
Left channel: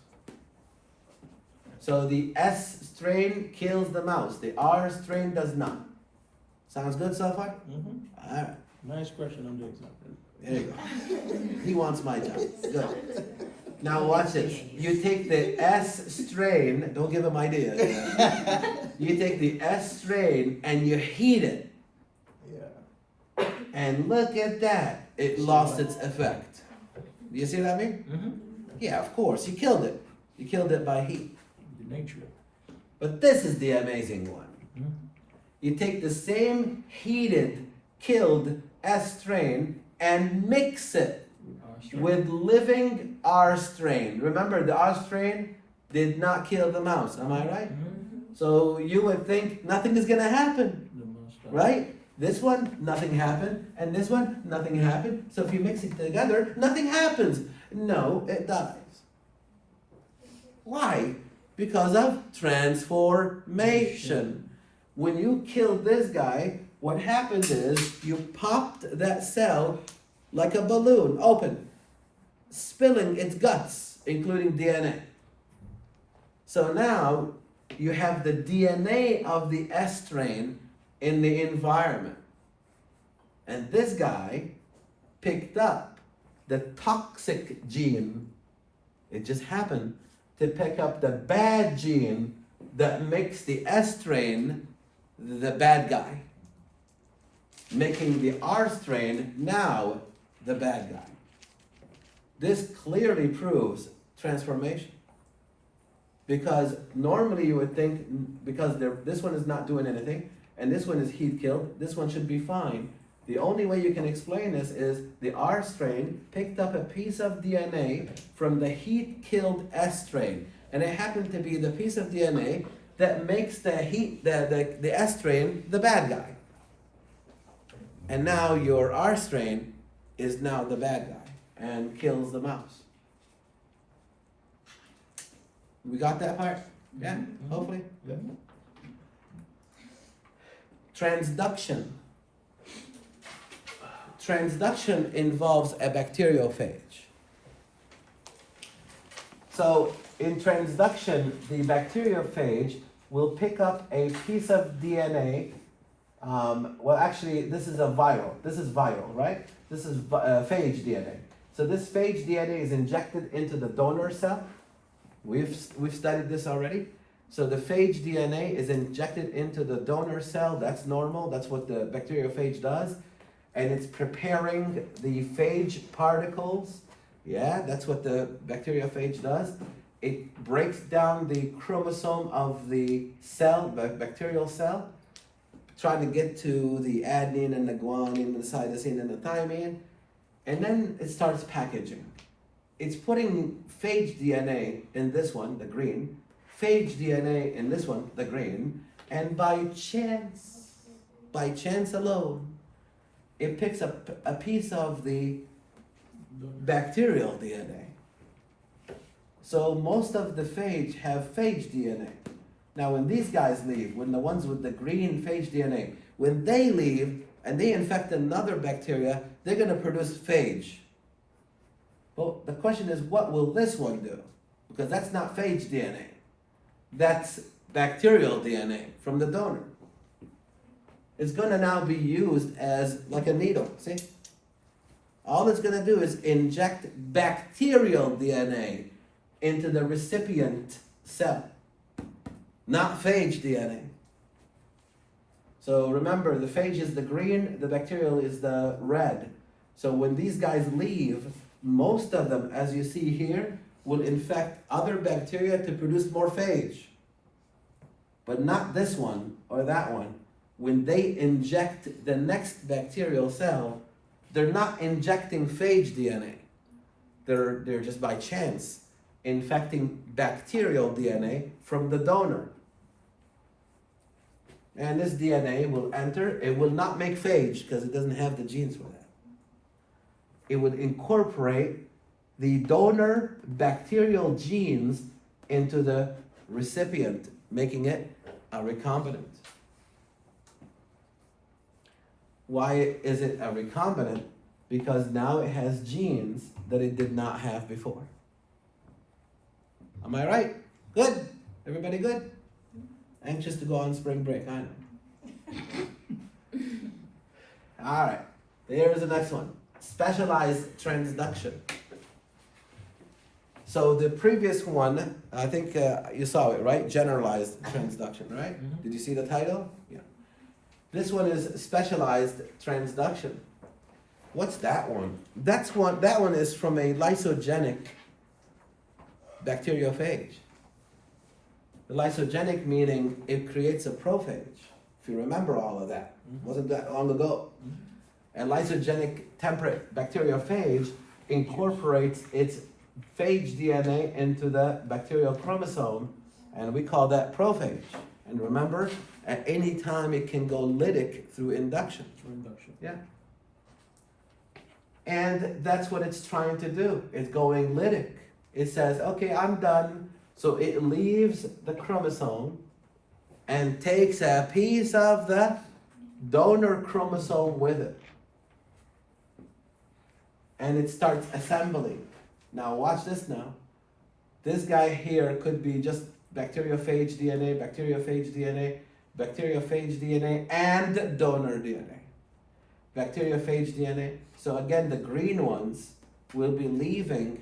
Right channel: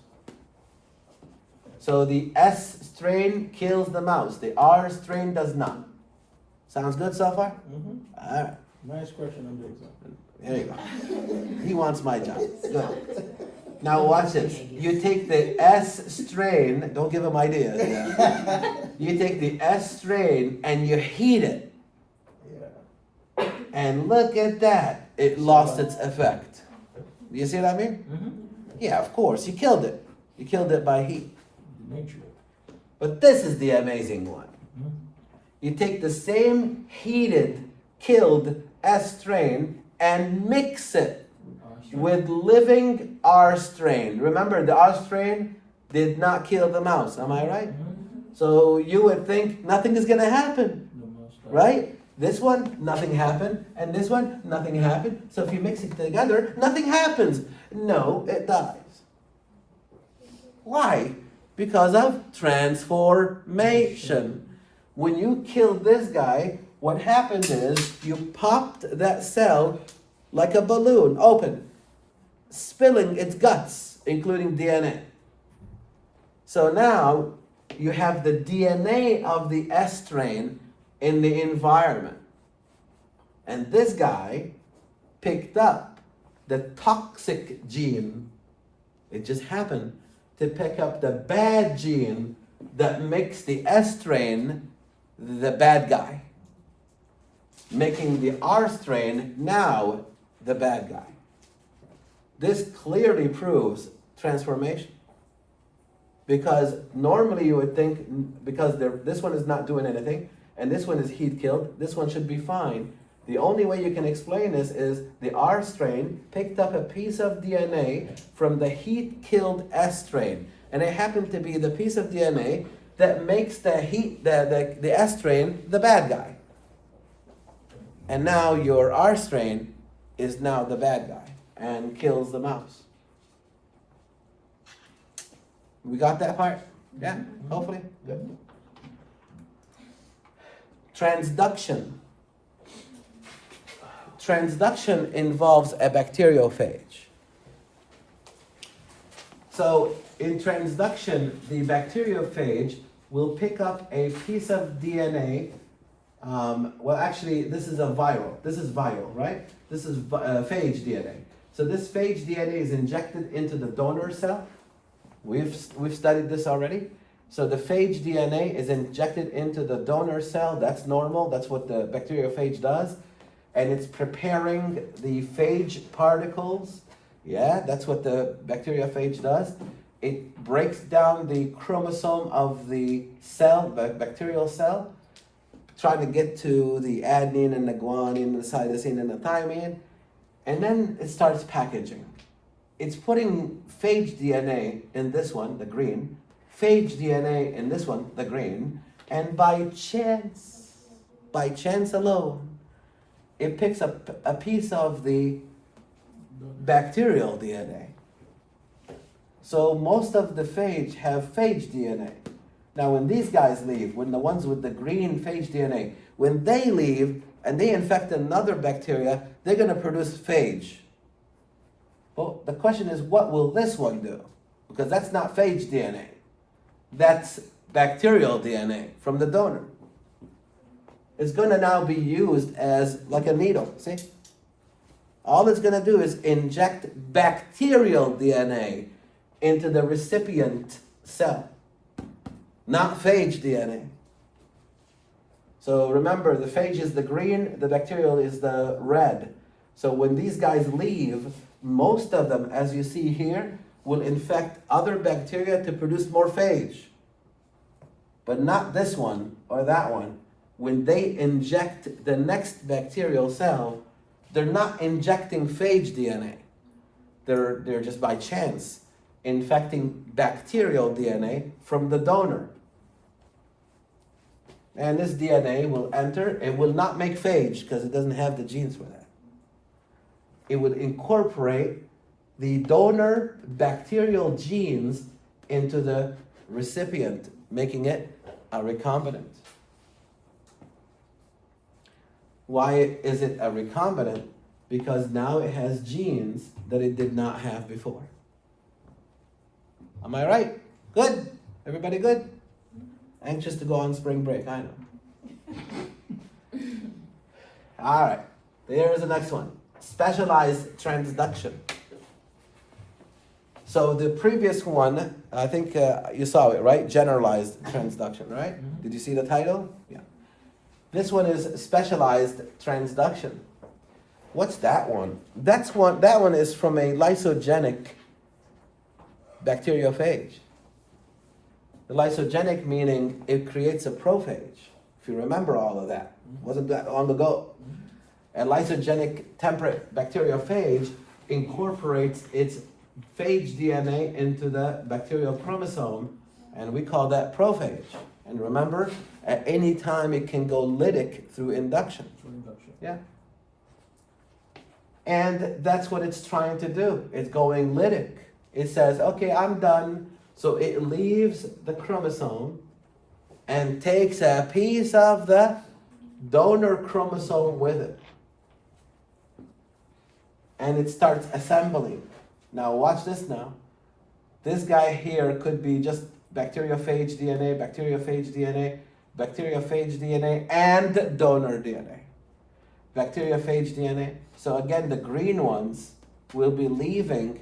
So the S strain kills the mouse. The R strain does not. Sounds good so far? Mm-hmm. All right. Nice question, I'm doing something. There you go. He wants my job. Good. Now watch this. You take the S strain, don't give him ideas. You take the S strain and you heat it. Yeah. And look at that. It lost its effect. You see what I mean? Mm-hmm. Yeah, of course. You killed it. You killed it by heat. The nature. But this is the amazing one. Mm-hmm. You take the same heated, killed S strain and mix it with living R strain. Remember, the R strain did not kill the mouse. Am I right? Mm-hmm. So you would think nothing is going to happen, The most, right? This one, nothing happened. And this one, nothing happened. So if you mix it together, nothing happens. No, it dies. Why? Because of transformation. When you kill this guy, what happens is you popped that cell like a balloon open, spilling its guts, including DNA. So now you have the DNA of the S strain in the environment. And this guy picked up the toxic gene. It just happened to pick up the bad gene that makes the S strain the bad guy, making the R strain now the bad guy. This clearly proves transformation. Because normally you would think, because this one is not doing anything, and this one is heat killed, this one should be fine. The only way you can explain this is the R strain picked up a piece of DNA from the heat killed S strain. And it happened to be the piece of DNA that makes the S strain the bad guy. And now your R strain is now the bad guy and kills the mouse. We got that part? Yeah, Mhm. hopefully. Yep. Mhm. Transduction. Transduction involves a bacteriophage. So in transduction, the bacteriophage will pick up a piece of DNA. Well, actually, this is a viral. This is viral, right? This is phage DNA. So this phage DNA is injected into the donor cell. We've studied this already. So the phage DNA is injected into the donor cell. That's normal. That's what the bacteriophage does. And it's preparing the phage particles. Yeah, that's what the bacteriophage does. It breaks down the chromosome of the cell, the bacterial cell, trying to get to the adenine and the guanine, the cytosine and the thymine, and then it starts packaging. It's putting phage DNA in this one, the green, phage DNA in this one, the green, and by chance alone, it picks up a piece of the bacterial DNA. So most of the phage have phage DNA. Now when these guys leave, when the ones with the green phage DNA, when they leave and they infect another bacteria, they're going to produce phage. Well, the question is, what will this one do? Because that's not phage DNA. That's bacterial DNA from the donor. It's going to now be used as like a needle, see? All it's going to do is inject bacterial DNA into the recipient cell, not phage DNA. So remember, the phage is the green, the bacterial is the red. So when these guys leave, most of them, as you see here, will infect other bacteria to produce more phage. But not this one or that one. When they inject the next bacterial cell, they're not injecting phage DNA. They're just by chance infecting bacterial DNA from the donor. And this DNA will enter. It will not make phage because it doesn't have the genes for that. It would incorporate the donor bacterial genes into the recipient, making it a recombinant. Why is it a recombinant? Because now it has genes that it did not have before. Am I right? Good? Everybody good? Anxious to go on spring break, I know. All right, here's the next one. Specialized transduction. So the previous one, I think you saw it, right? Generalized transduction, right? Mhm. Did you see the title? Yeah. This one is specialized transduction. What's that one? That one is from a lysogenic bacteriophage. The lysogenic meaning it creates a prophage. If you remember all of that, wasn't that long ago? A lysogenic temperate bacteriophage incorporates its phage DNA into the bacterial chromosome, and we call that prophage. And remember, at any time it can go lytic through induction. For induction. Yeah. And that's what it's trying to do. It's going lytic. It says, okay, I'm done. So it leaves the chromosome and takes a piece of the donor chromosome with it. And it starts assembling. Now watch this now. This guy here could be just bacteriophage DNA, bacteriophage DNA, bacteriophage DNA, and donor DNA. Bacteriophage DNA. So again, the green ones will be leaving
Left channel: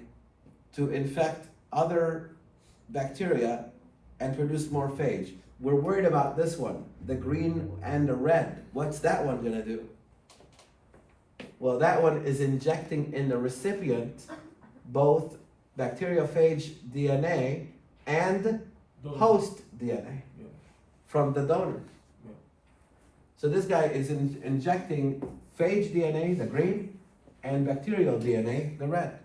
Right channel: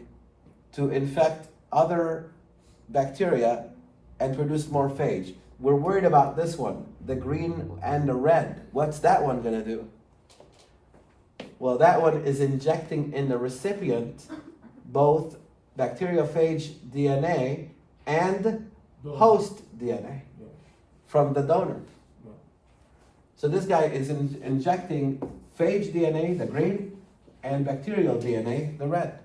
to infect other bacteria and produce more phage. We're worried about this one, the green and the red. What's that one gonna do? Well, that one is injecting in the recipient both bacteriophage DNA and Donor. host DNA Yeah. from the donor. Yeah. So this guy is injecting phage DNA, the green, and bacterial DNA, the red.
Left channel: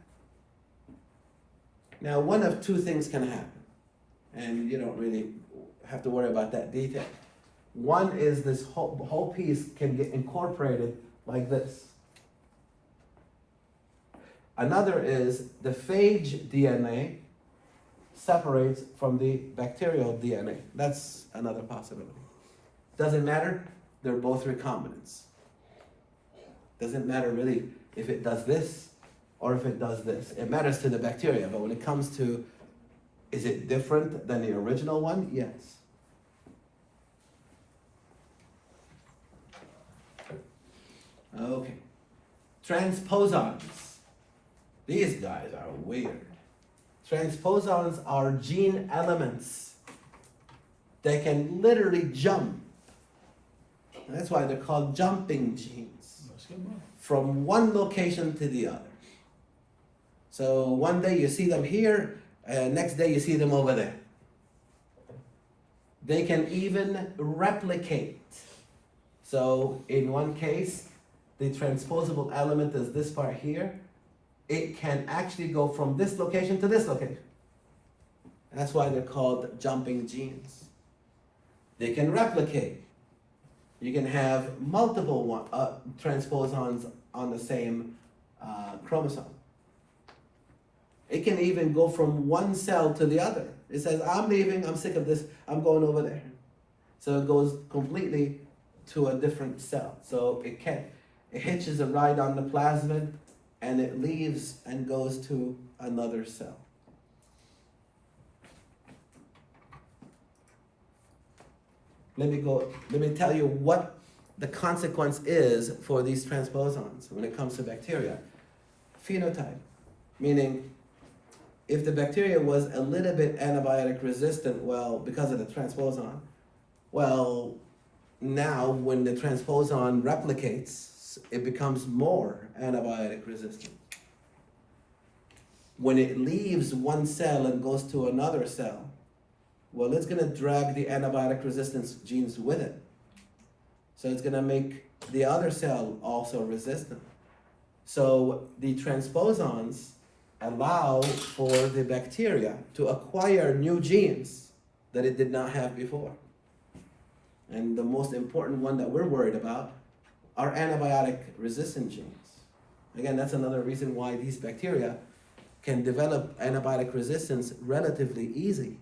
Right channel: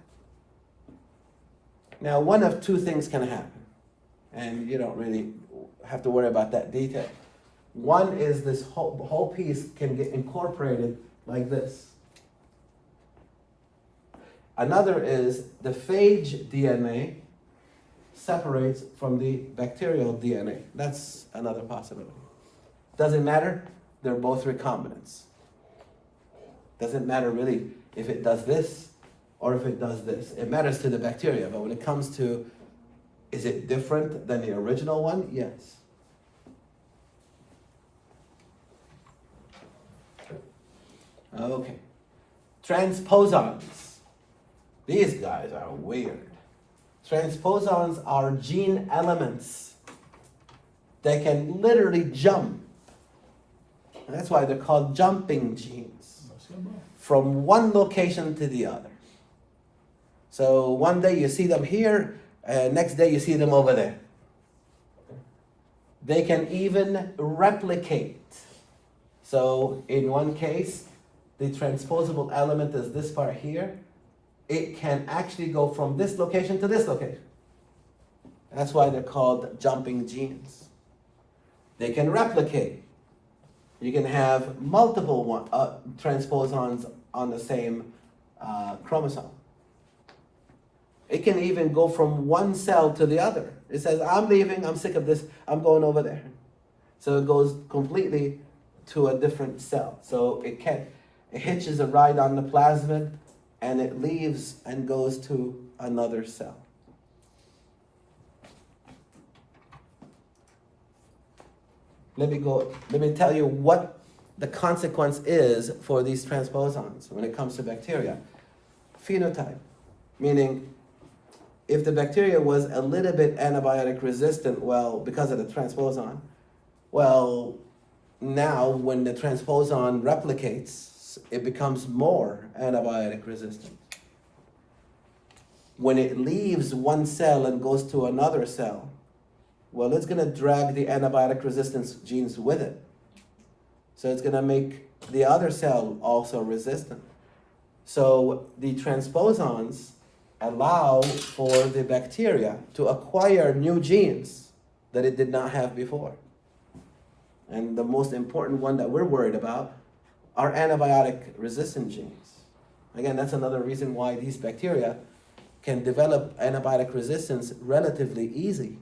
Now, one of two things can happen, and you don't really have to worry about that detail. One is this whole piece can get incorporated like this. Another is the phage DNA separates from the bacterial DNA. That's another possibility. Doesn't matter, they're both recombinants. Doesn't matter really if it does this or if it does this. It matters to the bacteria, but when it comes to, is it different than the original one? Yes. Okay. Transposons. These guys are weird. Transposons are gene elements that can literally jump. And that's why they're called jumping genes. From one location to the other. So one day you see them here, and next day you see them over there. They can even replicate. So in one case, the transposable element is this part here. It can actually go from this location to this location. That's why they're called jumping genes. They can replicate. You can have multiple transposons on the same chromosome. It can even go from one cell to the other. It says, I'm leaving, I'm sick of this, I'm going over there. So it goes completely to a different cell. So it hitches a ride on the plasmid, and it leaves and goes to another cell. Let me tell you what the consequence is for these transposons when it comes to bacteria. Phenotype, meaning if the bacteria was a little bit antibiotic resistant, well, because of the transposon, well, now when the transposon replicates, it becomes more antibiotic resistant. When it leaves one cell and goes to another cell, well, it's going to drag the antibiotic resistance genes with it. So it's going to make the other cell also resistant. So the transposons allow for the bacteria to acquire new genes that it did not have before. And the most important one that we're worried about are antibiotic resistant genes. Again, that's another reason why these bacteria can develop antibiotic resistance relatively easy,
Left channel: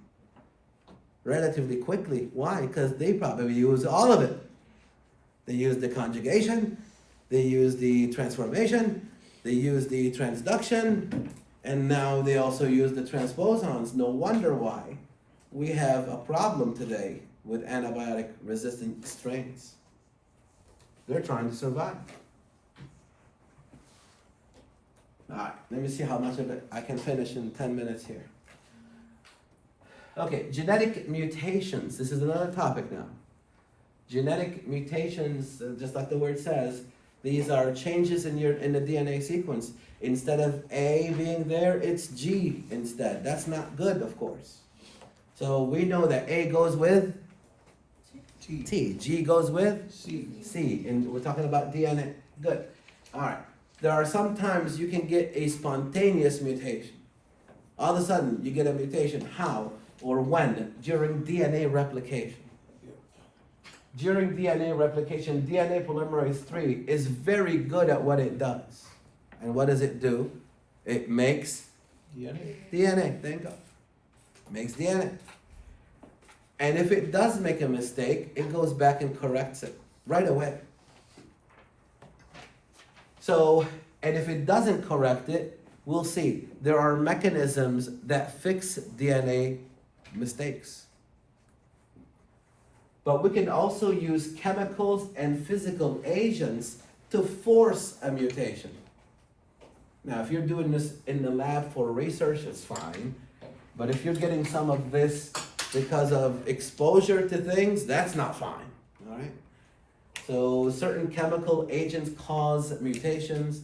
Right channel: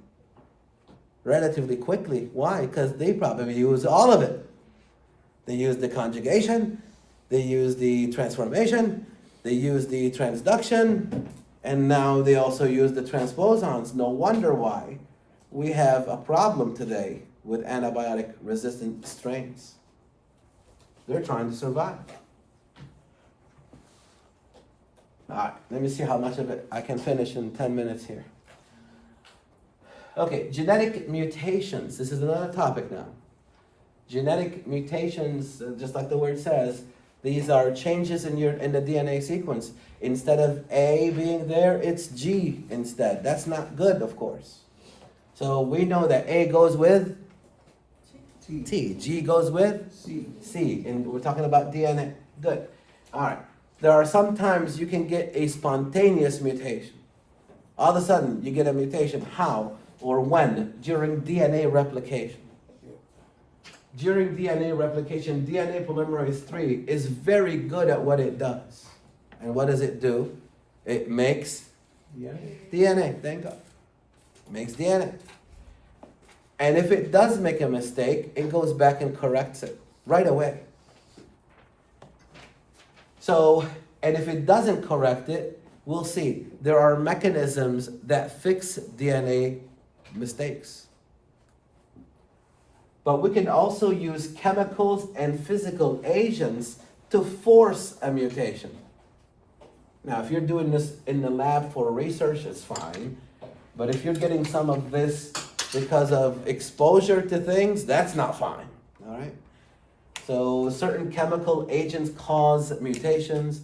relatively quickly. Why? Because they probably use all of it. They use the conjugation, they use the transformation, they use the transduction, and now they also use the transposons. No wonder why we have a problem today with antibiotic resistant strains. They're trying to survive. All right, let me see how much of it I can finish in 10 minutes here. Okay, genetic mutations. This is another topic now. Genetic mutations, just like the word says, these are changes in the DNA sequence. Instead of A being there, it's G instead. That's not good, of course. So we know that A goes with T. G goes with C. And we're talking about DNA. Good. All right. There are sometimes you can get a spontaneous mutation. All of a sudden, you get a mutation. How or when? During DNA replication. During DNA replication, DNA polymerase III is very good at what it does. And what does it do? It makes DNA. Thank God. Makes DNA. And if it does make a mistake, it goes back and corrects it right away. So, and if it doesn't correct it, we'll see. There are mechanisms that fix DNA mistakes. But we can also use chemicals and physical agents to force a mutation. Now, if you're doing this in the lab for research, it's fine. But if you're getting some of this because of exposure to things, that's not fine, all right? So certain chemical agents cause mutations,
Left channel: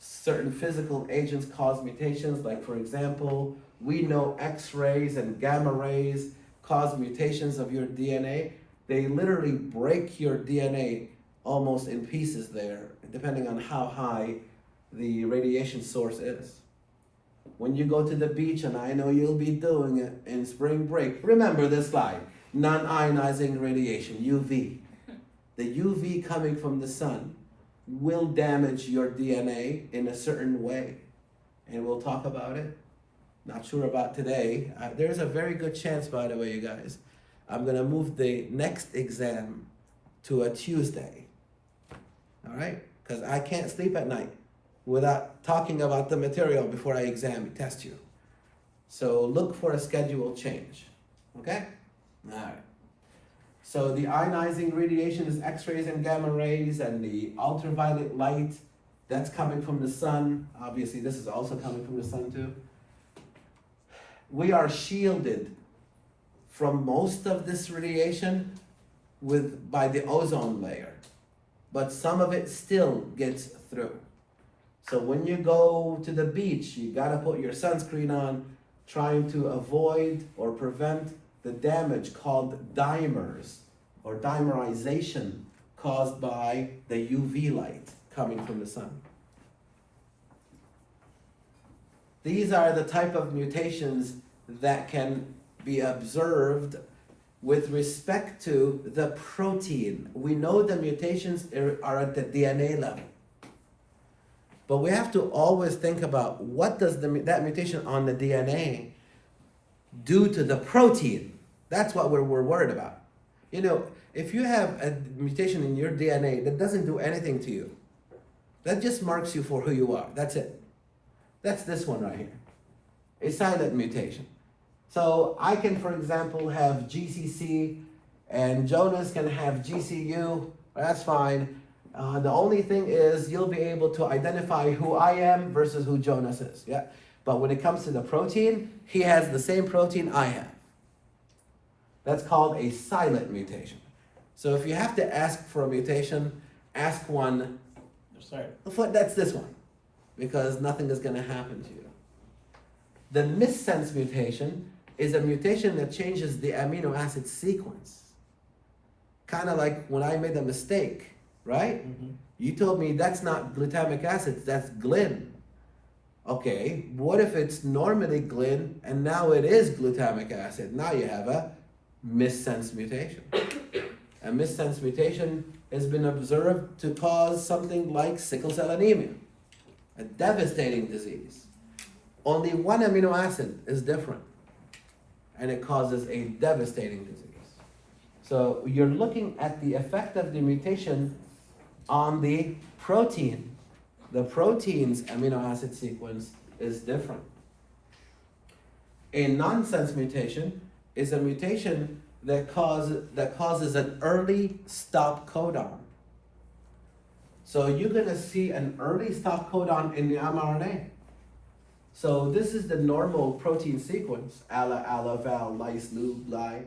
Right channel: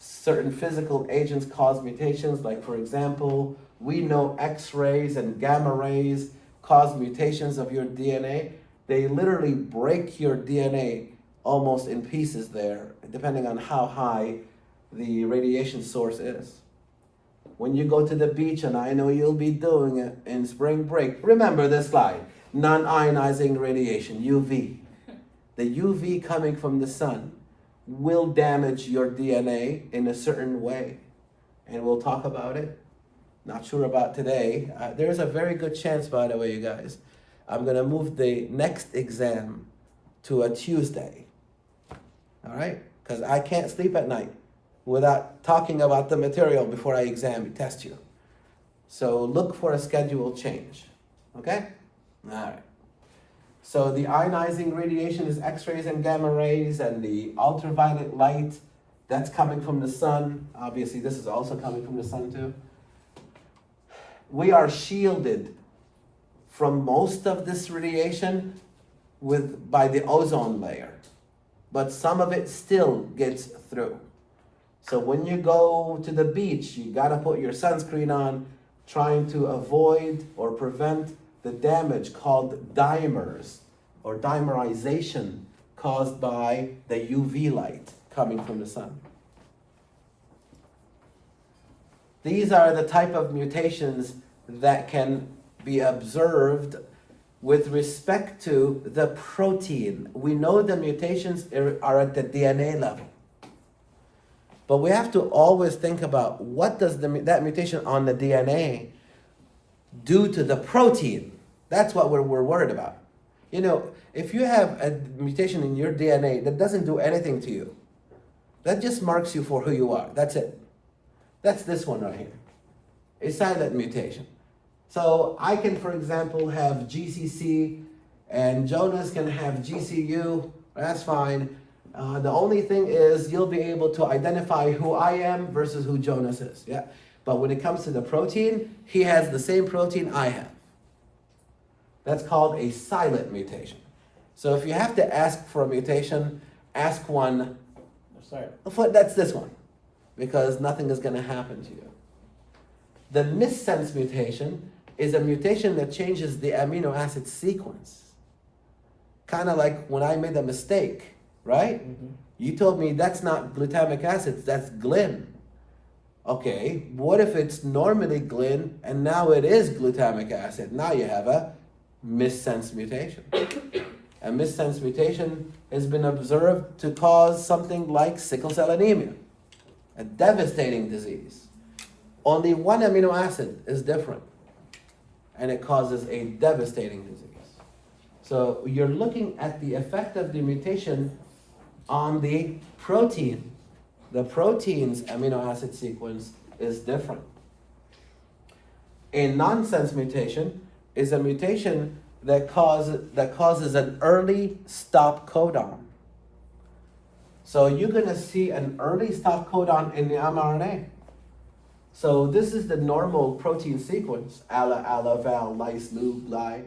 certain physical agents cause mutations, like for example, we know X-rays and gamma rays cause mutations of your DNA. They literally break your DNA almost in pieces there, depending on how high the radiation source is. When you go to the beach, and I know you'll be doing it in spring break, remember this slide, non-ionizing radiation, UV. The UV coming from the sun will damage your DNA in a certain way. And we'll talk about it. Not sure about today. There's a very good chance, by the way, you guys, I'm gonna move the next exam to a Tuesday. All right? Because I can't sleep at night without talking about the material before I test you. So look for a schedule change. Okay? All right. So the ionizing radiation is X-rays and gamma rays, and the ultraviolet light, that's coming from the sun. Obviously, this is also coming from the sun too. We are shielded from most of this radiation by the ozone layer, but some of it still gets through. So when you go to the beach, you gotta put your sunscreen on, trying to avoid or prevent the damage called dimers or dimerization caused by the UV light coming from the sun. These are the type of mutations that can be observed with respect to the protein. We know the mutations are at the DNA level. But we have to always think about what does that mutation on the DNA do to the protein. That's what we're worried about. You know, if you have a mutation in your DNA that doesn't do anything to you, that just marks you for who you are. That's it. That's this one right here. A silent mutation. So I can, for example, have GCC and Jonas can have GCU. That's fine. The only thing is you'll be able to identify who I am versus who Jonas is. Yeah. But when it comes to the protein, he has the same protein I have. That's called a silent mutation. So if you have to ask for a mutation, ask one. Sorry. That's this one, because nothing is going to happen to you. The missense mutation is a mutation that changes the amino acid sequence. Kind of like when I made a mistake, right? Mm-hmm. You told me that's not glutamic acid, that's glyn. Okay, what if it's normally glyn and now it is glutamic acid? Now you have a missense mutation. A missense mutation has been observed to cause something like sickle cell anemia, a devastating disease. Only one amino acid is different, and it causes a devastating disease. So you're looking at the effect of the mutation on the protein. The protein's amino acid sequence is different. A nonsense mutation is a mutation that causes an early stop codon. So you're going to see an early stop codon in the mRNA. So this is the normal protein sequence, ala, val, lys, lug, li.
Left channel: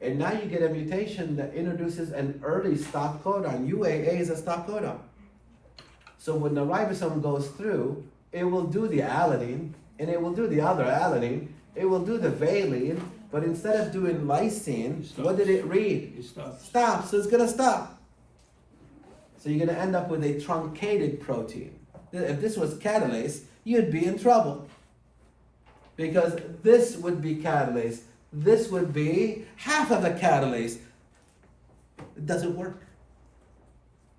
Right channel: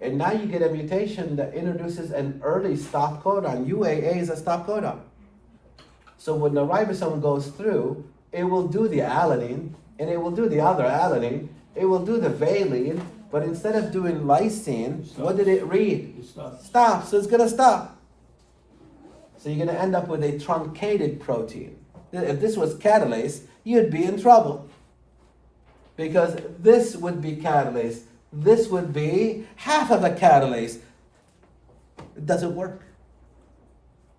And now you get a mutation that introduces an early stop codon. UAA is a stop codon. So when the ribosome goes through, it will do the alanine, and it will do the other alanine, it will do the valine, but instead of doing lysine, what did it read? It stops. Stop, so it's gonna stop. So you're gonna end up with a truncated protein. If this was catalase, you'd be in trouble. Because this would be catalase, this would be half of a catalase. It doesn't work.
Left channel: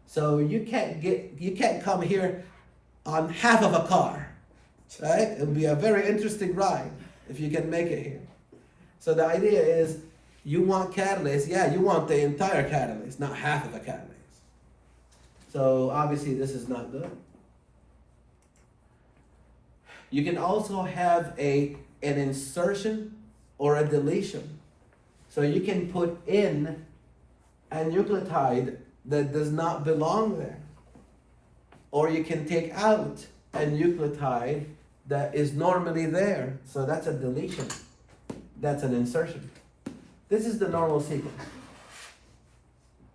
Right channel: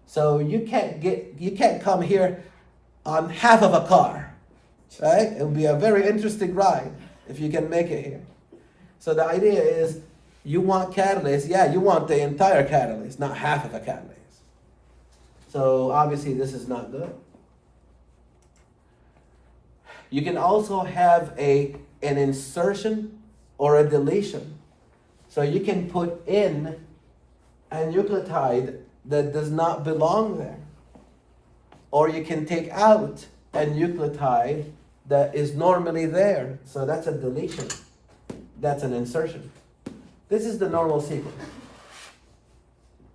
So you can't come here on half of a car, right? It would be a very interesting ride if you can make it here. So the idea is you want catalase, yeah, you want the entire catalase, not half of a catalase. So obviously this is not good. You can also have an insertion or a deletion. So you can put in a nucleotide that does not belong there. Or you can take out a nucleotide that is normally there. So that's a deletion. That's an insertion. This is the normal sequence.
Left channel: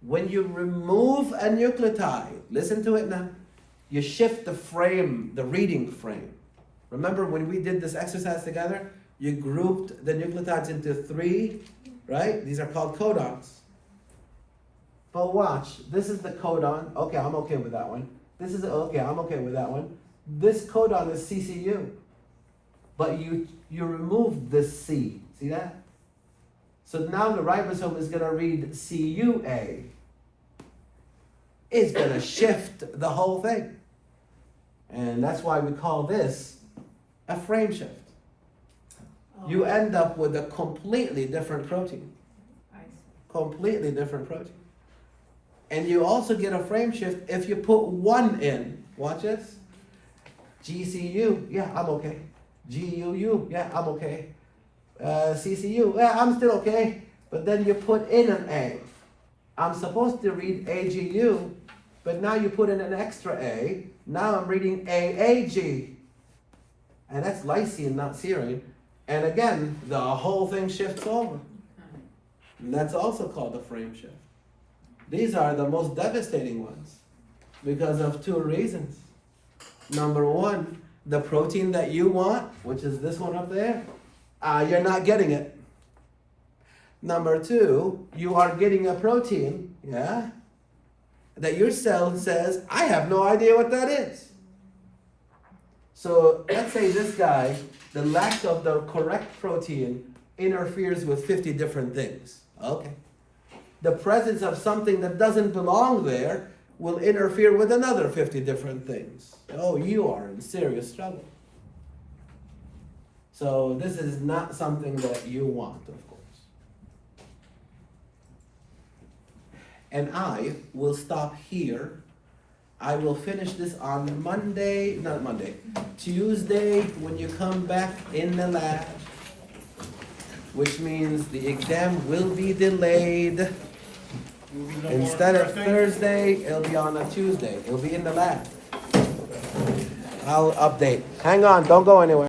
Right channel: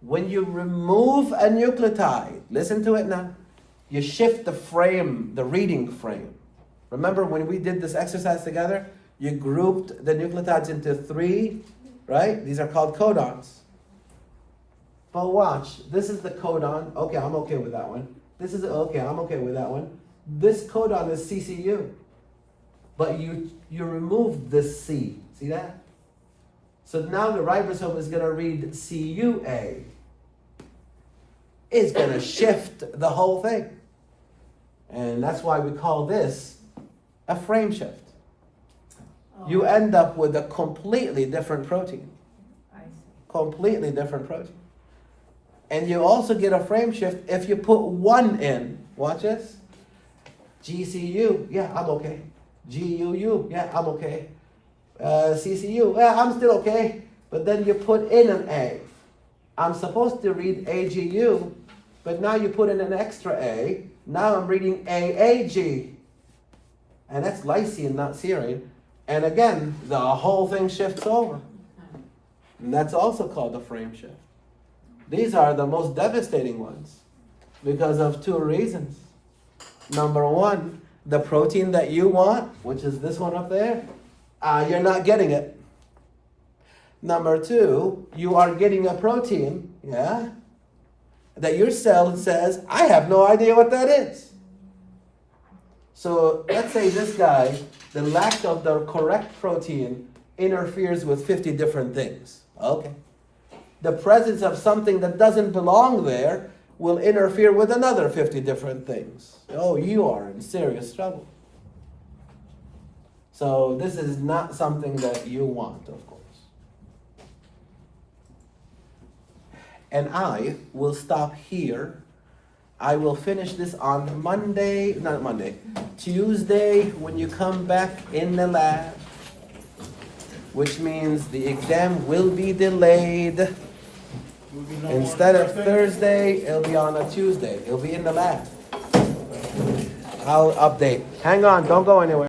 When you remove a nucleotide, listen to it now, you shift the frame, the reading frame. Remember when we did this exercise together, you grouped the nucleotides into 3, right? These are called codons. But watch, this is the codon. Okay, I'm okay with that one. This is, okay, I'm okay with that one. This codon is CCU. But you remove this C. See that? So now the ribosome is going to read CUA. It's going to shift the whole thing. And that's why we call this a frame shift. you end up with a completely different protein. I see. Completely different protein. And you also get a frame shift if you put one in. Watch this. GCU, yeah, I'm okay. GUU, yeah, I'm okay. CCU, yeah, I'm still okay. But then you put in an A. I'm supposed to read AGU, but now you put in an extra A. Now I'm reading AAG. And that's lysine, not serine. And again, the whole thing shifts over. And that's also called a frame shift. These are the most devastating ones because of two reasons. Number one, the protein that you want, which is this one up there, you're not getting it. Number two, you are getting a protein, yeah, that your cell says, I have no idea what that is. So let's say this guy, the lack of the correct protein interferes with 50 different things. Okay. The presence of something that doesn't belong there will interfere with another 50 different things. Oh, you are in serious trouble. So this is not something that you want, of course. And I will stop here. I will finish this on Tuesday when you come back in the lab, which means the exam will be delayed. Instead of Thursday, it'll be on a Tuesday. It'll be in the lab. I'll update. Hang on, don't go anywhere.